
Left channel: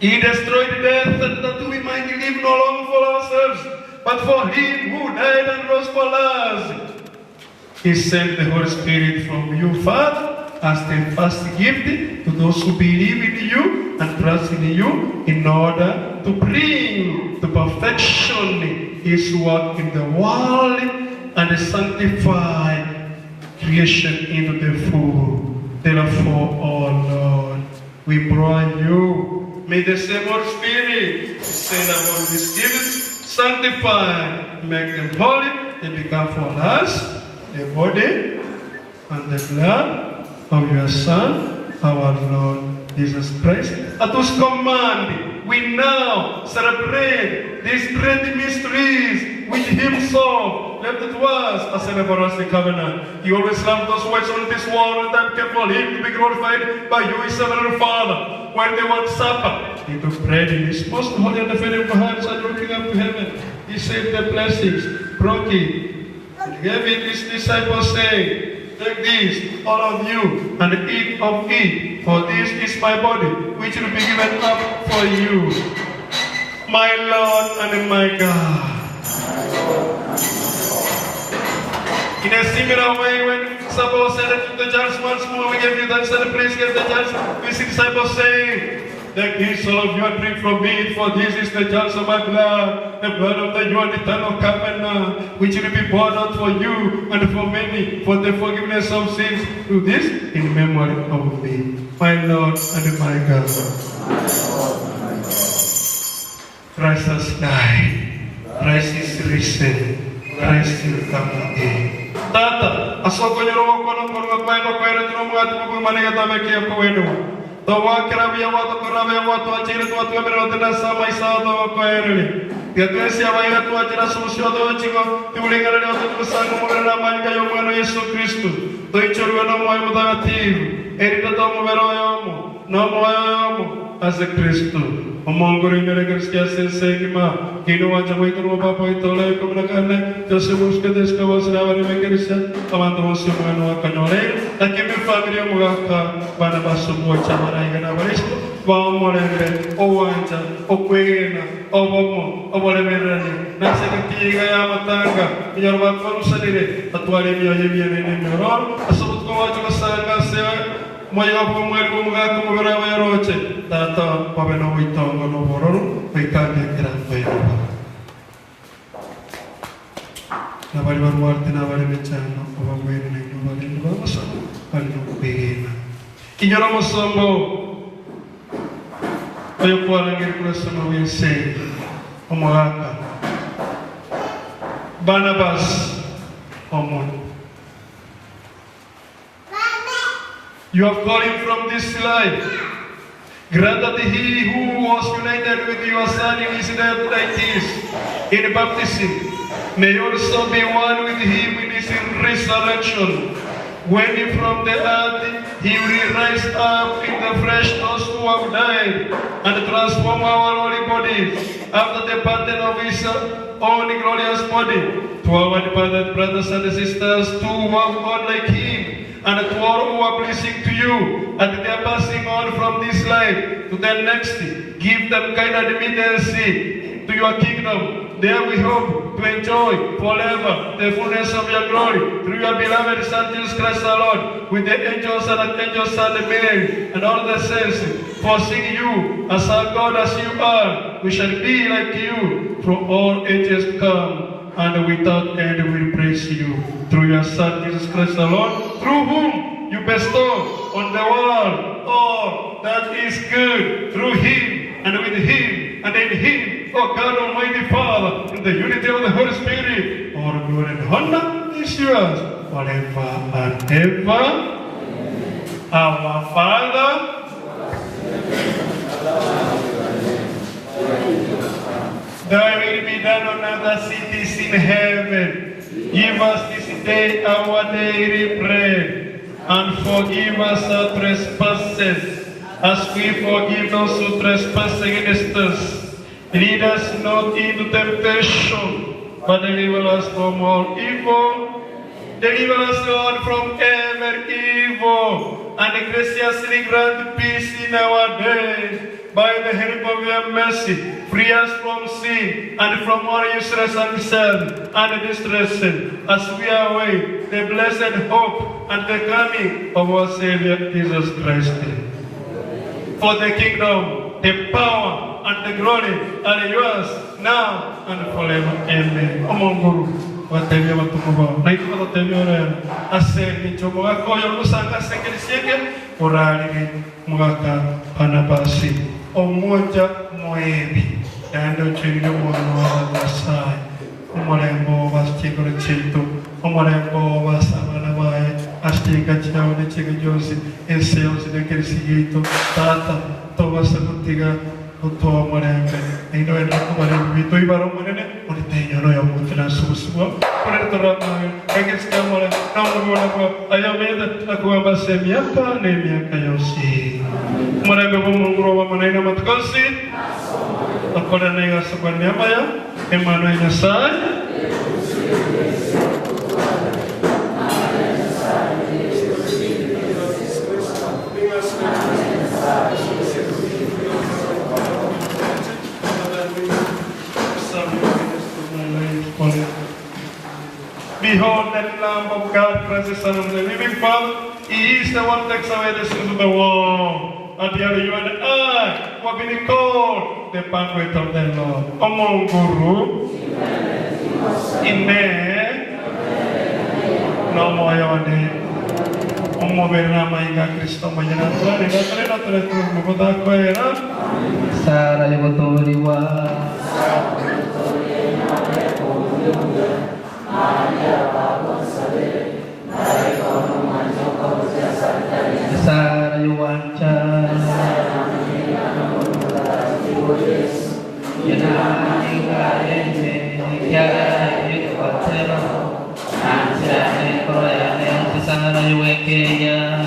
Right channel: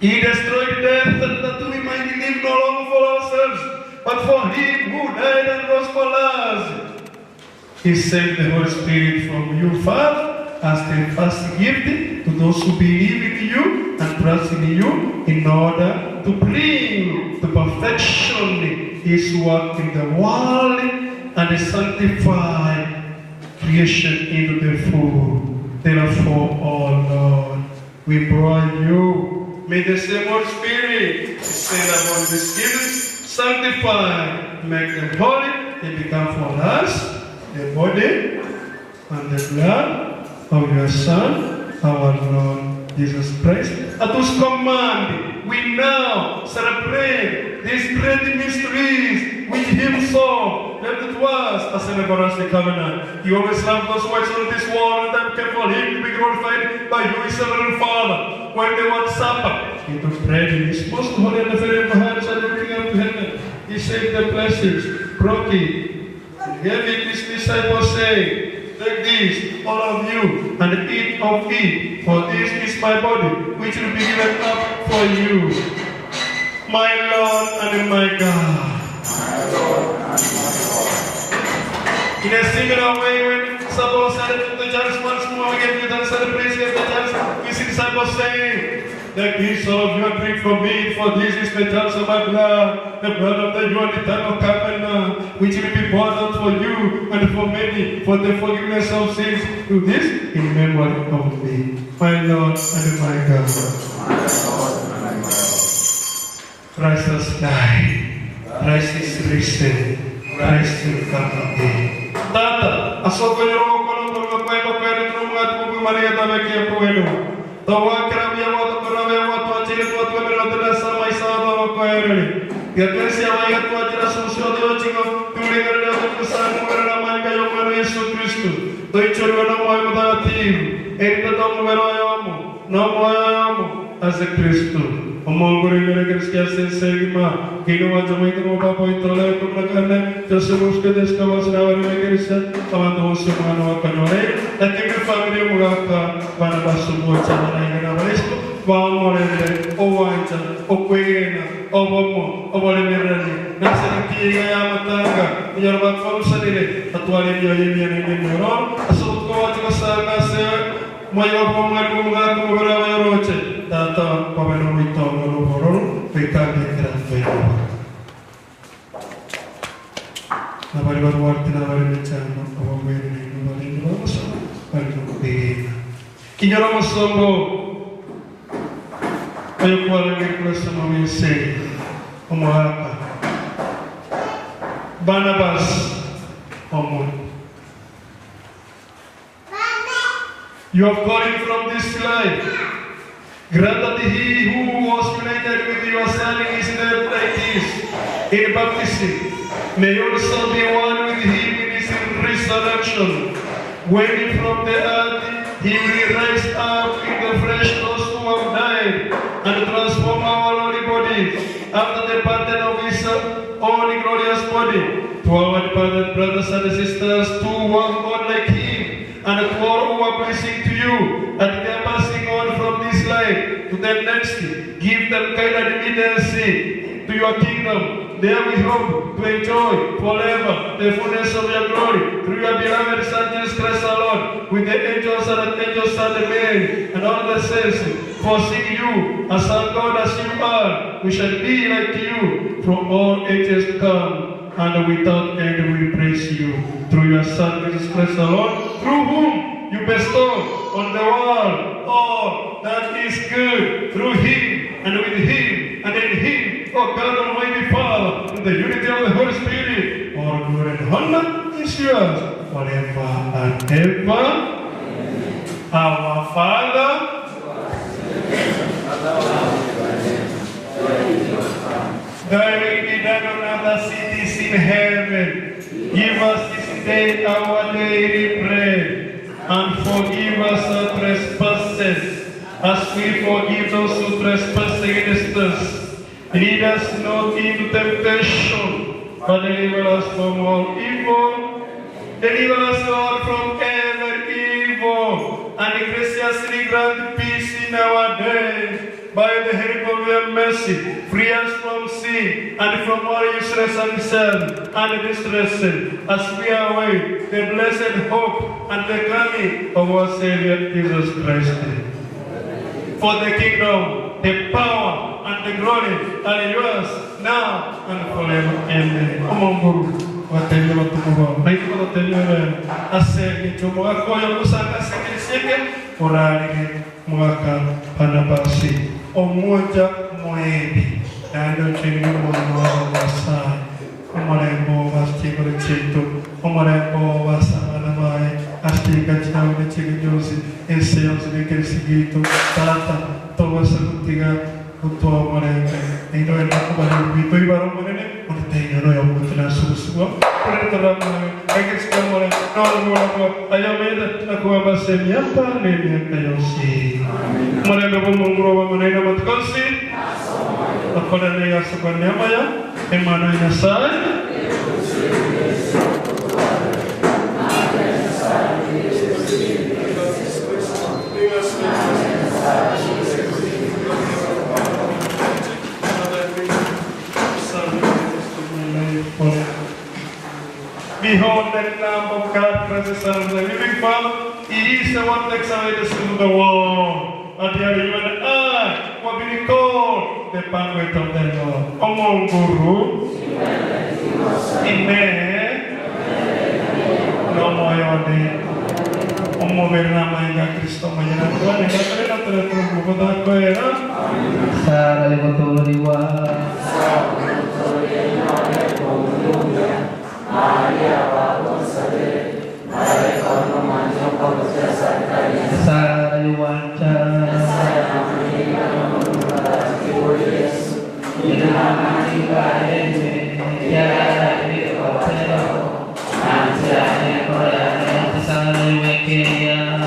He destroyed death that we might live no longer for ourselves, but for him who died and rose for us. He sent the Holy Spirit from you, Father, as the first gift to those who believe in you and trust in you, in order to bring to perfection his work in the world and sanctify creation into the full. Therefore, O Lord, we pray you, may the same Holy Spirit send upon these gifts, sanctify, make them holy, they become for us the body and the blood of your Son, our Lord Jesus Christ, at whose command we now celebrate these great mysteries which himself left to us as an everlasting covenant. You always love those who are in this world, and time came for him to be glorified by you, his heavenly Father. When they want supper, he took bread in his most holy and very hands and looking up to heaven. He said the blessings, broke it, and gave it his disciples, saying, take this, all of you, and eat of it, for this is my body, which will be given up for you. My Lord and my God. In a similar way, when supper was added to the jars once more, we gave you thanks and praise, gave the jars to his disciples, saying, take this, all of you, and drink from it, for this is the jars of my blood, the blood of the new and eternal covenant, which will be poured out for you and for many, for the forgiveness of sins. Do this in memory of me, my Lord and my God. Christ has died. Christ is risen. Christ will come again. Tata, asoko ni roho kono kwa kwa kwa ile tunamwati Mungu mali yatawekia kwa wenu. Tawa kirabia watu kirabia watu achile tu watu wabira tena sama isa tawa kwa ile. Ya Kristo ya watu achila solution de ochigo tulinga leo tukusana Mungu na manga ya mwana Yesu Kristo. Toichoro na moyo mtakatifu. Erita tomu wero yomo. Na moyo yomo as a Kristo. Omongori mere Kristo sesegima. Kino wacha muito mo papo itole ko nakane. Tesemos que descavas na wari me Kristo. Tamando mo sumano wakanore. Lakini family mo gaka Barnabas Omwocha na ngena barisco. Vamorele owanja okwena obomo obolemerani. Naselektiga ya matanga. Yorba komsalire. Atwale niyo yemi ne mero. Asut ko wacha sana se Mayo pemalu ngatu berapa roce, tata pameno itu ngono boron, wikandi kerana Nabari baru nabari bicara, apa begini, nabari berapa sama, bari begini. Inyora musombo, ayo pulang ke kelas nomor Omwocha, Barnabas Omwocha. You have called him from this life. Grant that he who was united with your Son in his death like this, in baptism, may also be one with him in his resurrection. When from the earth he will rise up in the flesh those who have died, and transform our holy body bodies after the pattern of his own glorious body. To our departed brothers and sisters, to who are God like him, and to all who are pleasing to you, and they are passing on from this life to the next, give them kind admittance to your kingdom. There we hope to enjoy forever the fullness of your glory through your beloved Son Jesus Christ our Lord, with the angels and archangels and the Mary and all the saints, foreseeing you as our God as you are. We shall be like you from all ages to come, and without end we praise you through your Son Jesus Christ our Lord, through whom you bestow on the world all that is good, through him and with him and in him, O God Almighty Father, in the unity of the Holy Spirit, all glory and honor is yours forever and ever. Our Father, thy will be done on earth as it is in heaven. Give us this day our daily bread, and forgive us our trespasses, as we forgive those who trespass against us. Lead us not into temptation, but deliver us from all evil. Deliver us, Lord, from every evil, and graciously grant peace in our days. By the help of your mercy, free us from sin and from all useless and sin and distress, as we await the blessed hope and the coming of our Savior Jesus Christ. For the kingdom, the power, and the glory are yours now and forever. Amen. Omonguru, watevya watukuva, naituwa watevya asemi chomoga koyo kusanga sekirisieke, urari mwaka Barnabas Omwocha mwebi, yando chini mwana wasai, omarembo vastikoro chitu, omarembo vasaganabai, astika chinawe chiki josi, enseos de kirisigito, tata, toba sakutiga, Untuk mereka, ini adalah kepada itu ibarat mana ni? Mereka yang yang bukan semua. Mereka terang, mereka sekarang orang, orang aku, ayam itu aku apa semiapa ni mereka yosi. Mereka pun mengurus mereka matkosi. Apa dan mereka sebenarnya apa ya? Emana ini saya? Behold the Lamb of God, precious Son of the living Father. He is the one that takes away the sins of the world. And here you and I, what will be called the banquet of the Lord. Omong Guru. Amen. Namo Yode. Omo bernama Inga Kristo Mayana Tuhan. Inga Krena telah berbuat kuera. Sara betul beriwa. Maria Balusale, Maria Banumanjo Balusia Sara Yuancha, Sara Maria Banumanjo, Ina Maria Ene, Yara Ene Kotero, Anja Ene Korea, Sara Yuekeria,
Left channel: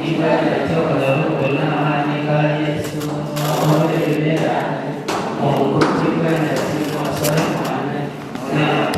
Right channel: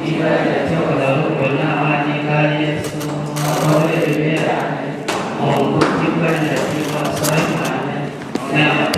Ina Yetola Kola Maria Yesu, Ore Rivera, Mongo Kibana. Now,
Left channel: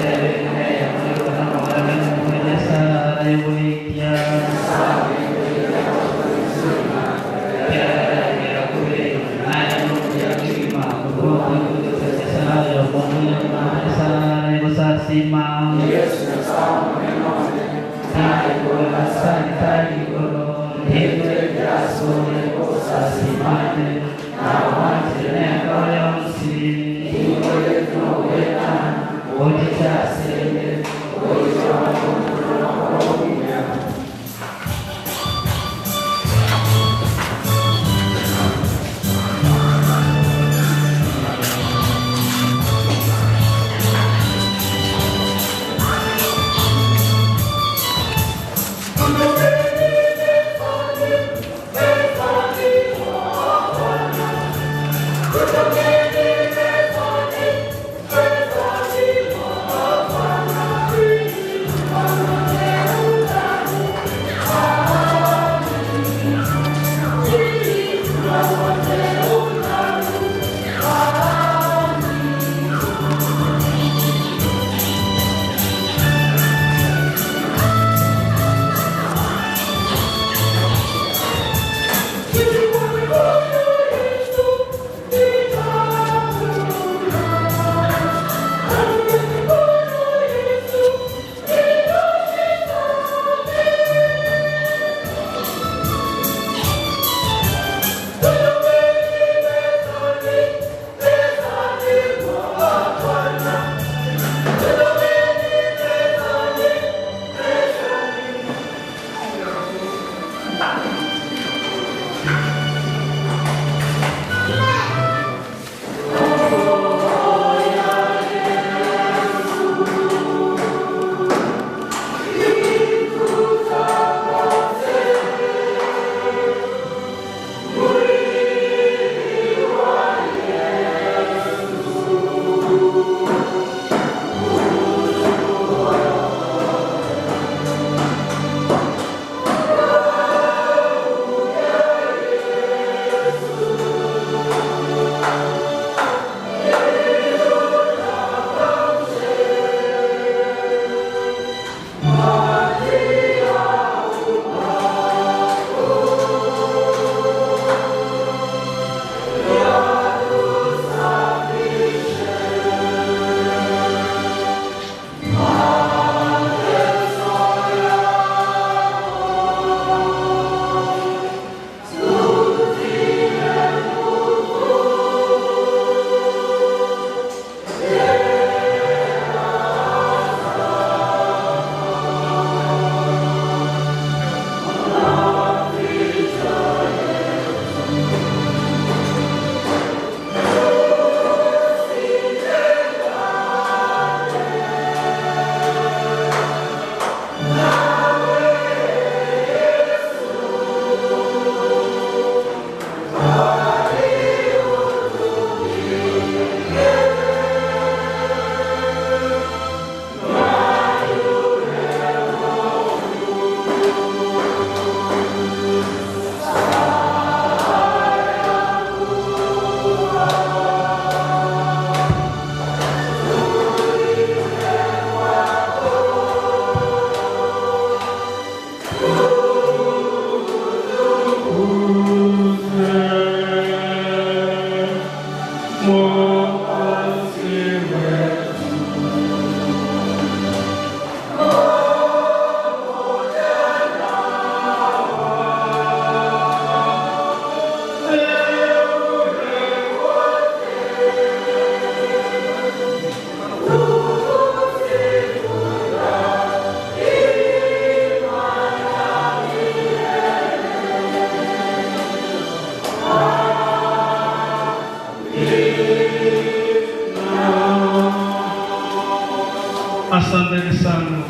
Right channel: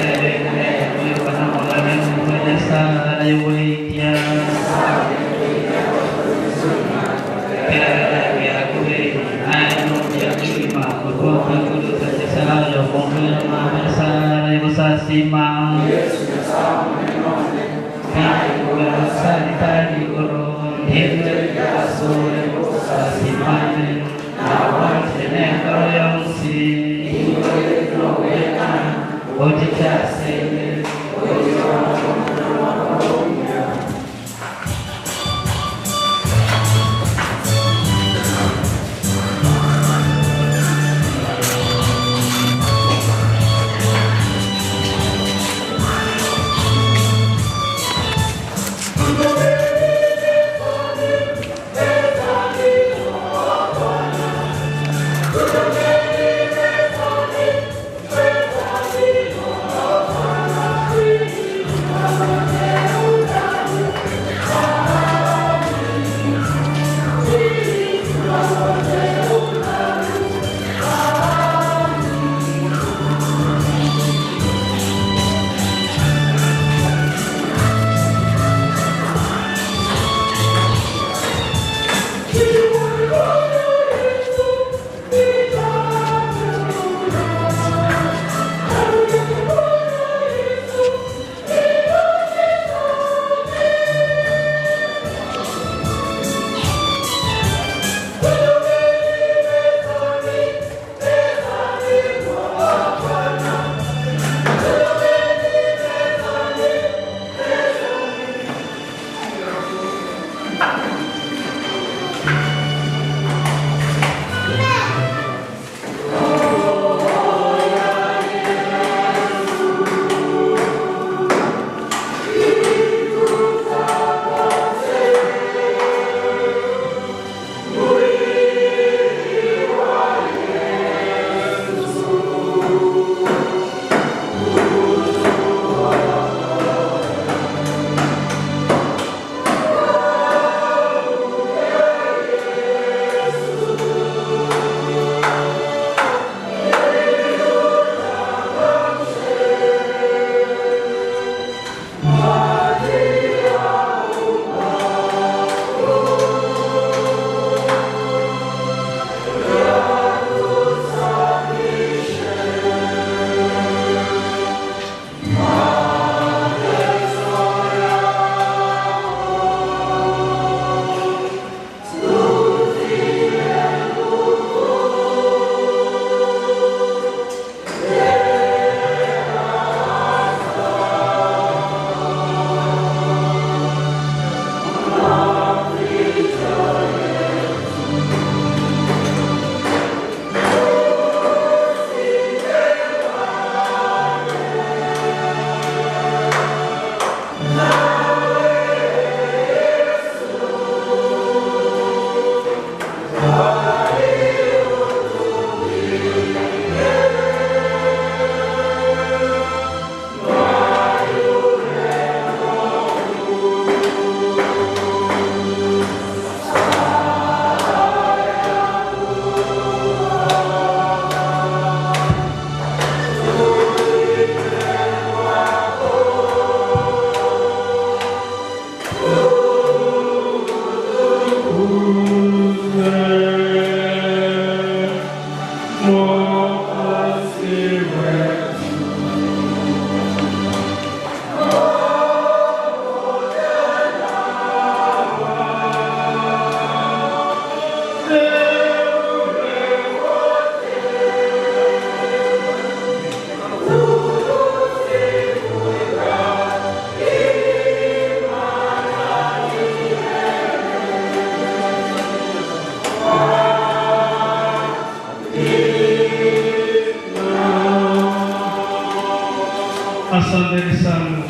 Asanteni sana.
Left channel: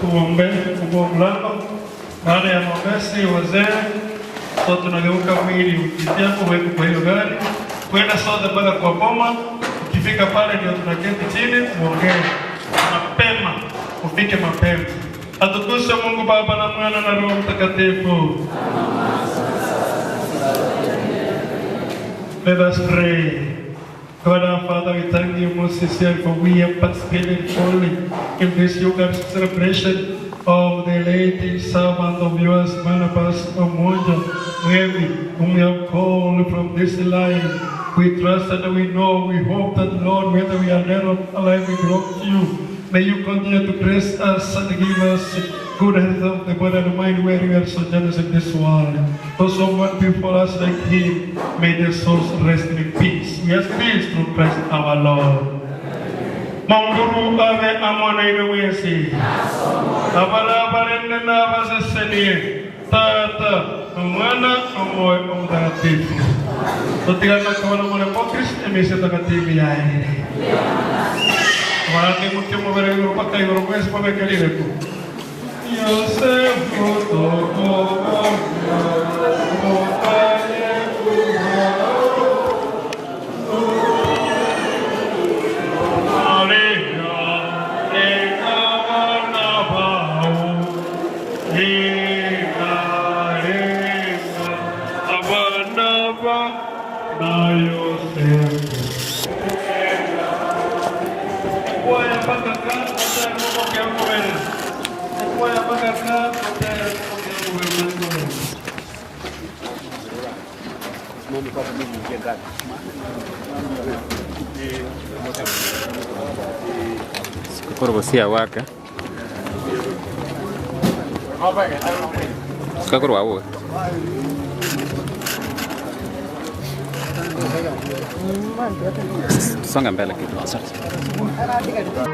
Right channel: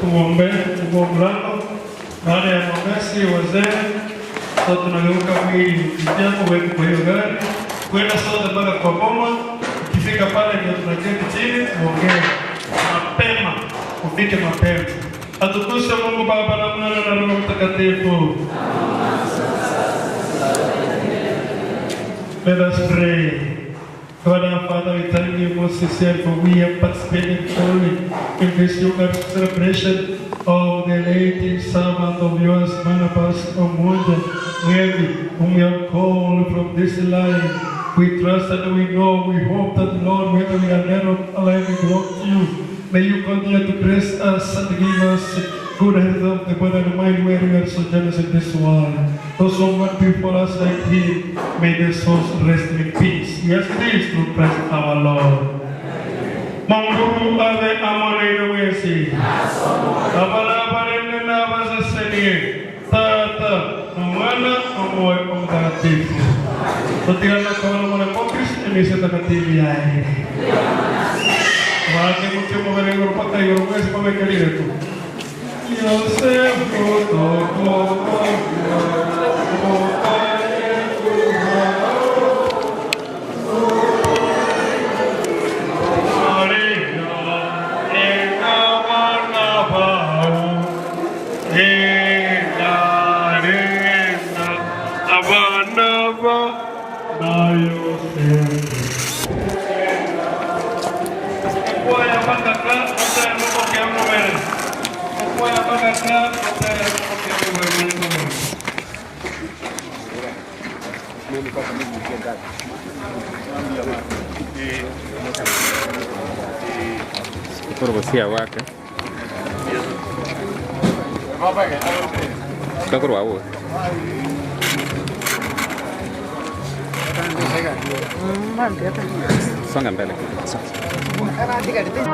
Tuombe Mungu mlango. Baada ya maombezi wazee, kwa tunageuka mwili kupitia kwa hiyo gari kwenda sote mpaka kwa boma. Ukifika pale ndio tunaketi chini muongee mapema, ufike mapema. Atukuzwe Mungu Baba na Mwana na Roho Mtakatifu. Let us pray. God our Father, we thank you most sincerely for we have participated fully in this Eucharistic celebration of the late servant of yours, Barnabas Omwocha, whom we have called from this line. We trust and we know, we hope that, Lord, whether we are dead or alive, we belong to you. May you continue to bless us and give us good health of the body and mind where we are so generous in this world. Those who want before us like him, may their souls rest in peace. Yes, please, through Christ our Lord. Manguru ave amone inuesi. Abala balene na baseseni. Tata, Mwana, Amoy, Mtakatifu. Tutigano kawan mwana Mokris, emisi takativi yae. Wake mutimo bere Europa Euromes pamekalire tu. Yosef Kotoko. Korbosia wake. Kakorwa wote. Songa mbele kidogo.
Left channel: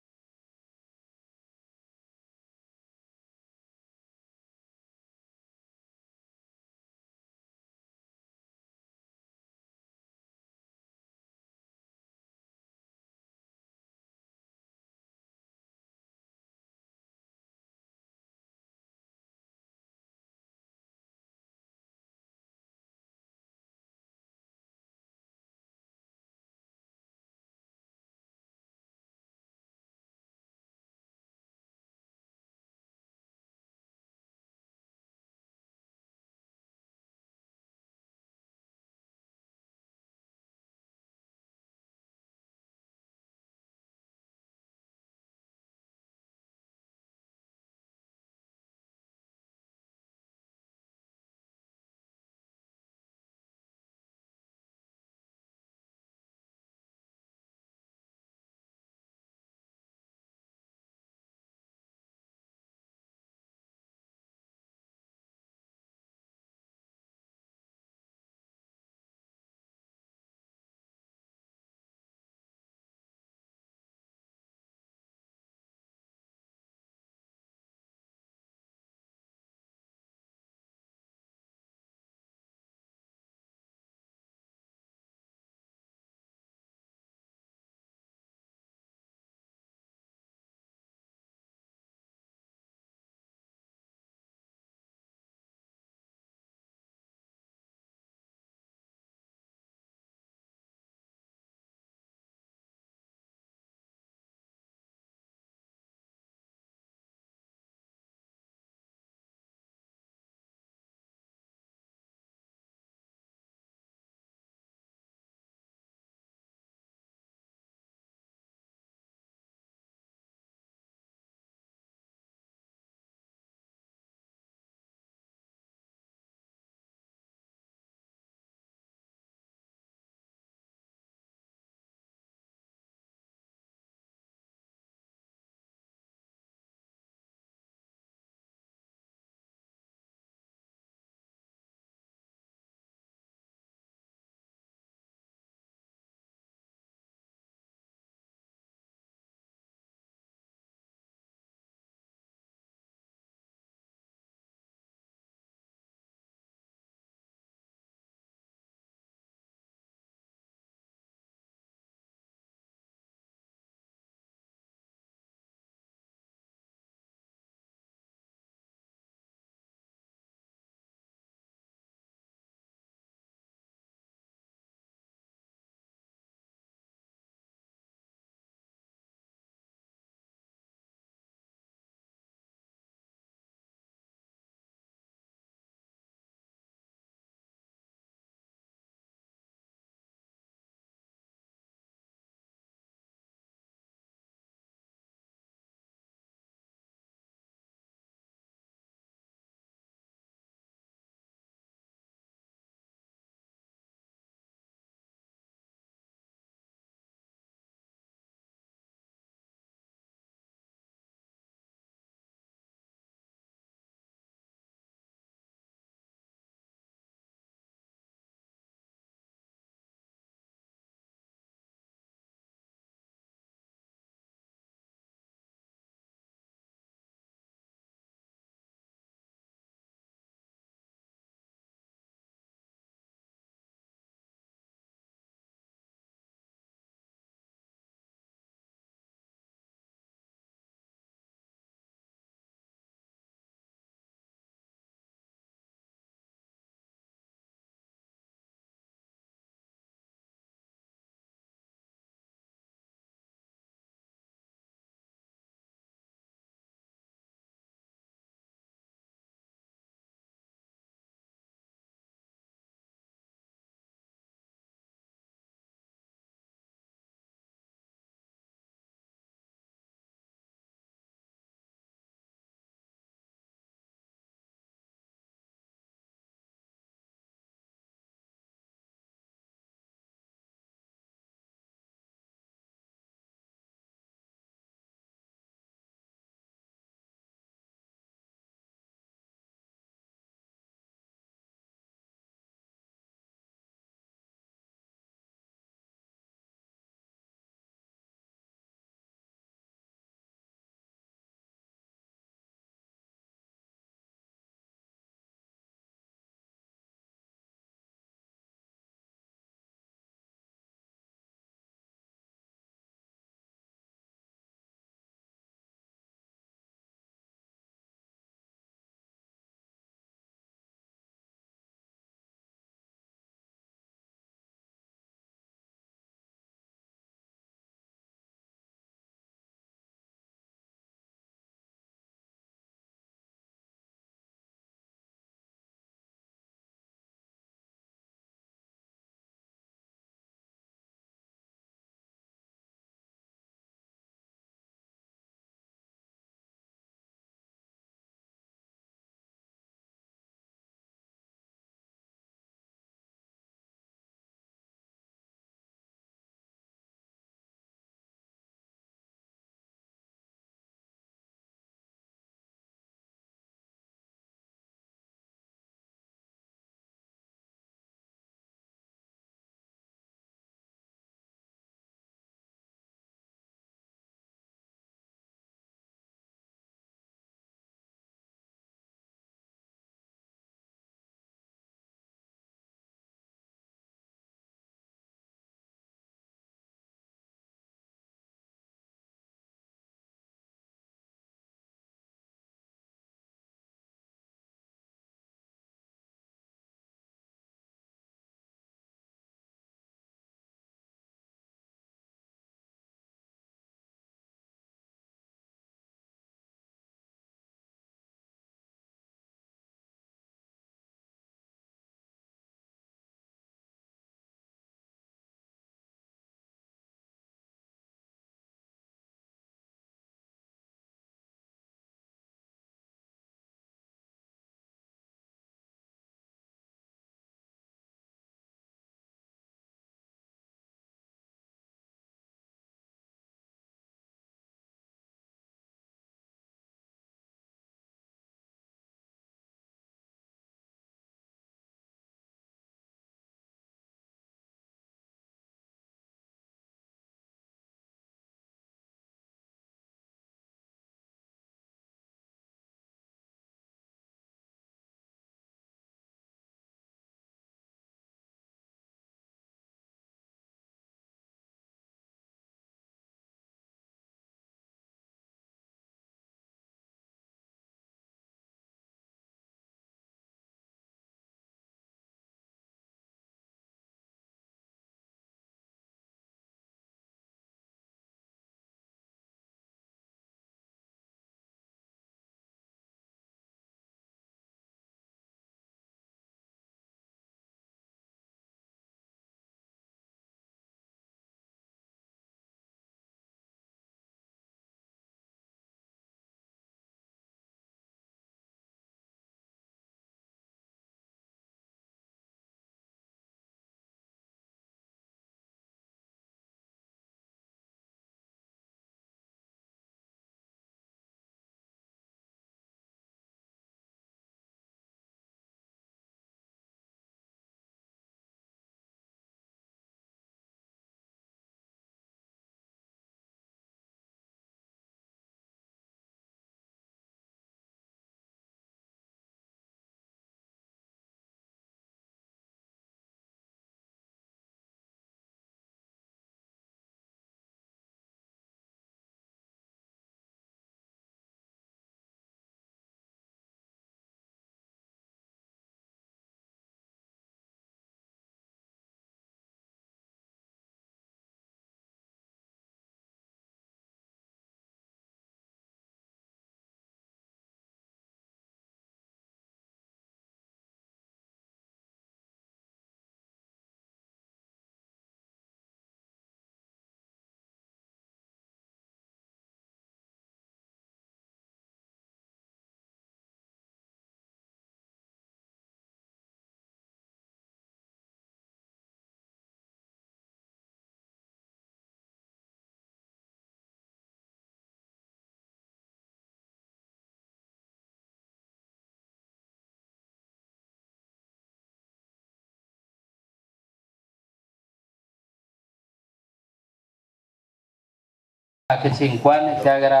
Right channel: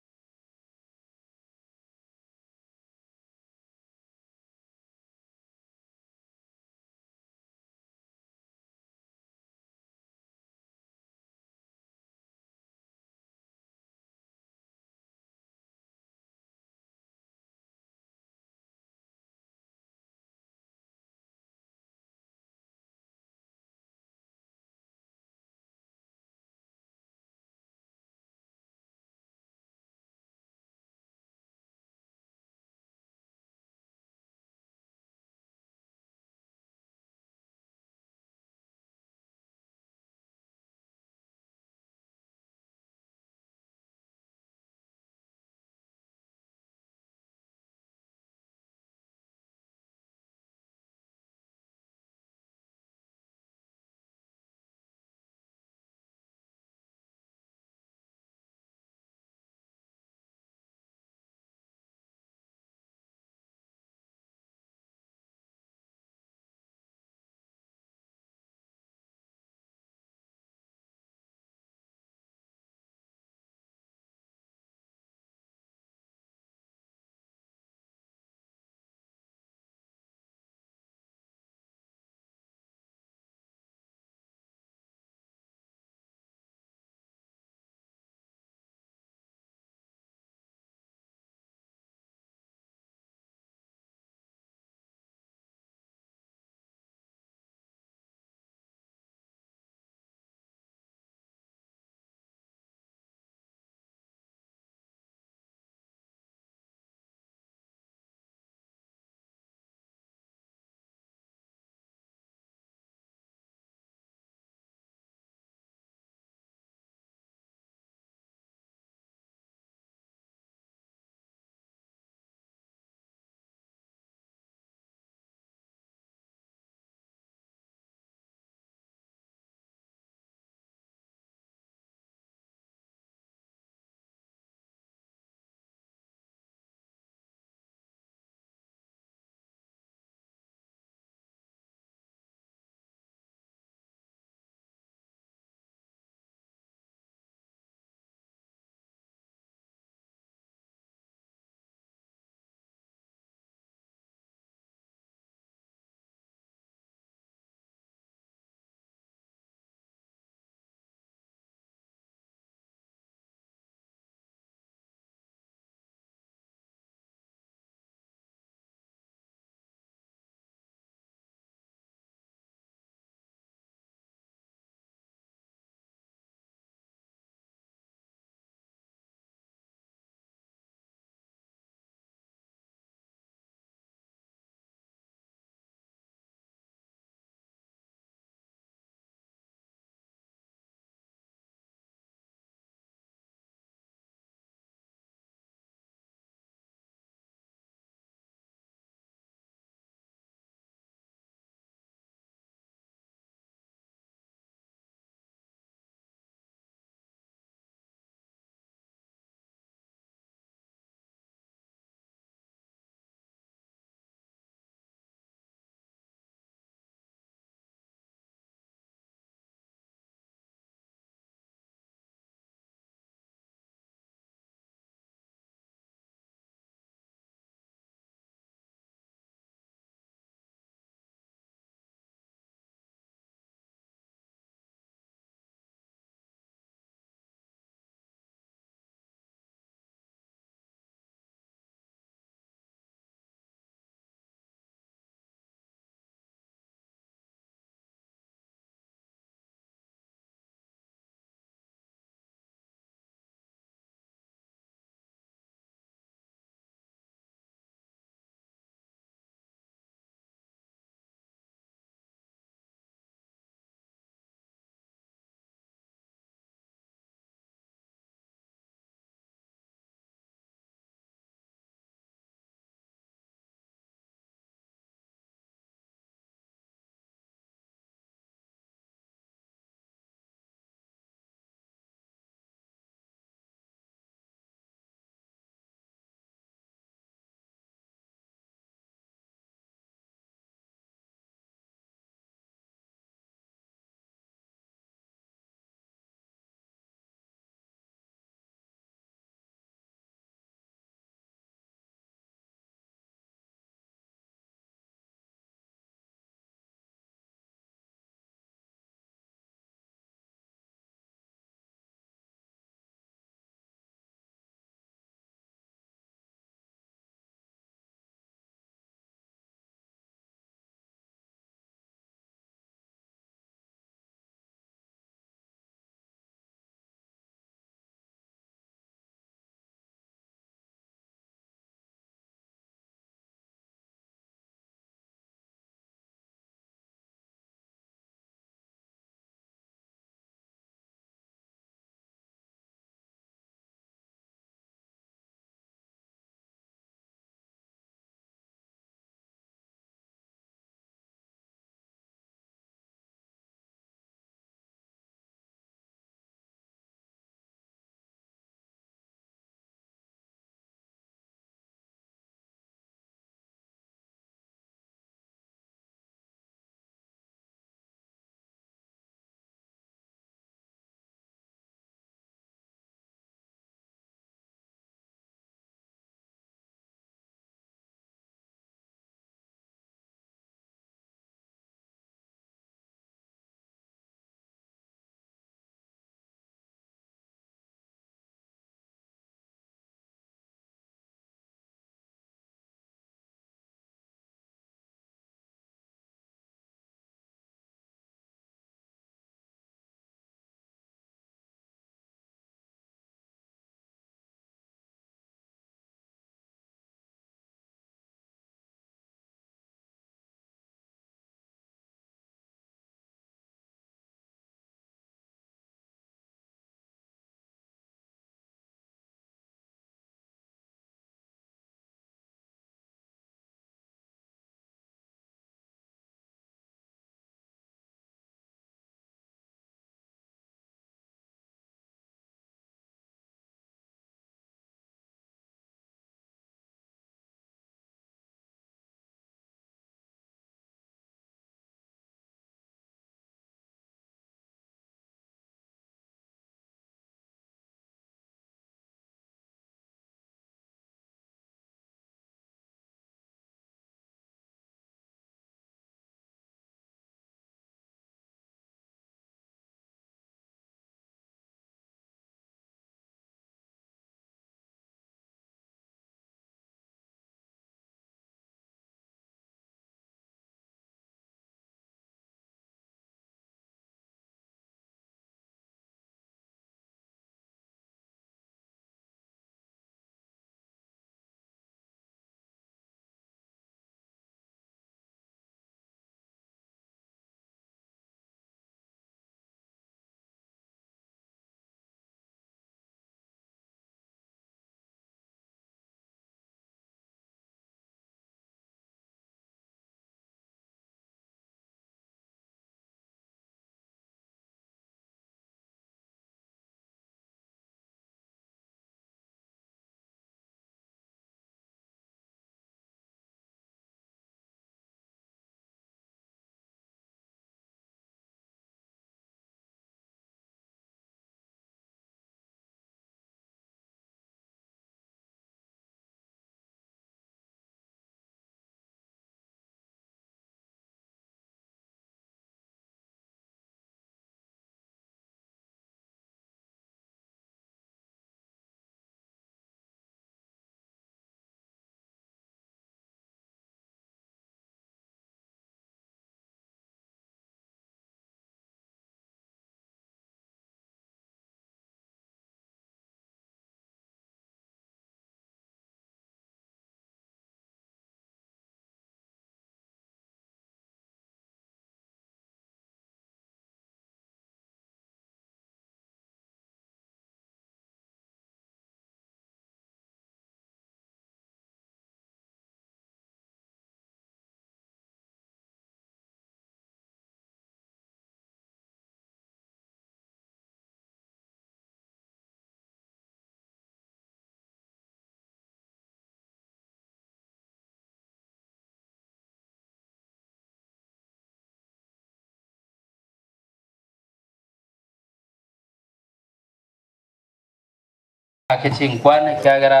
kichinkwane kiagera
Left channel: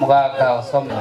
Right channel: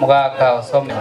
mugaka osome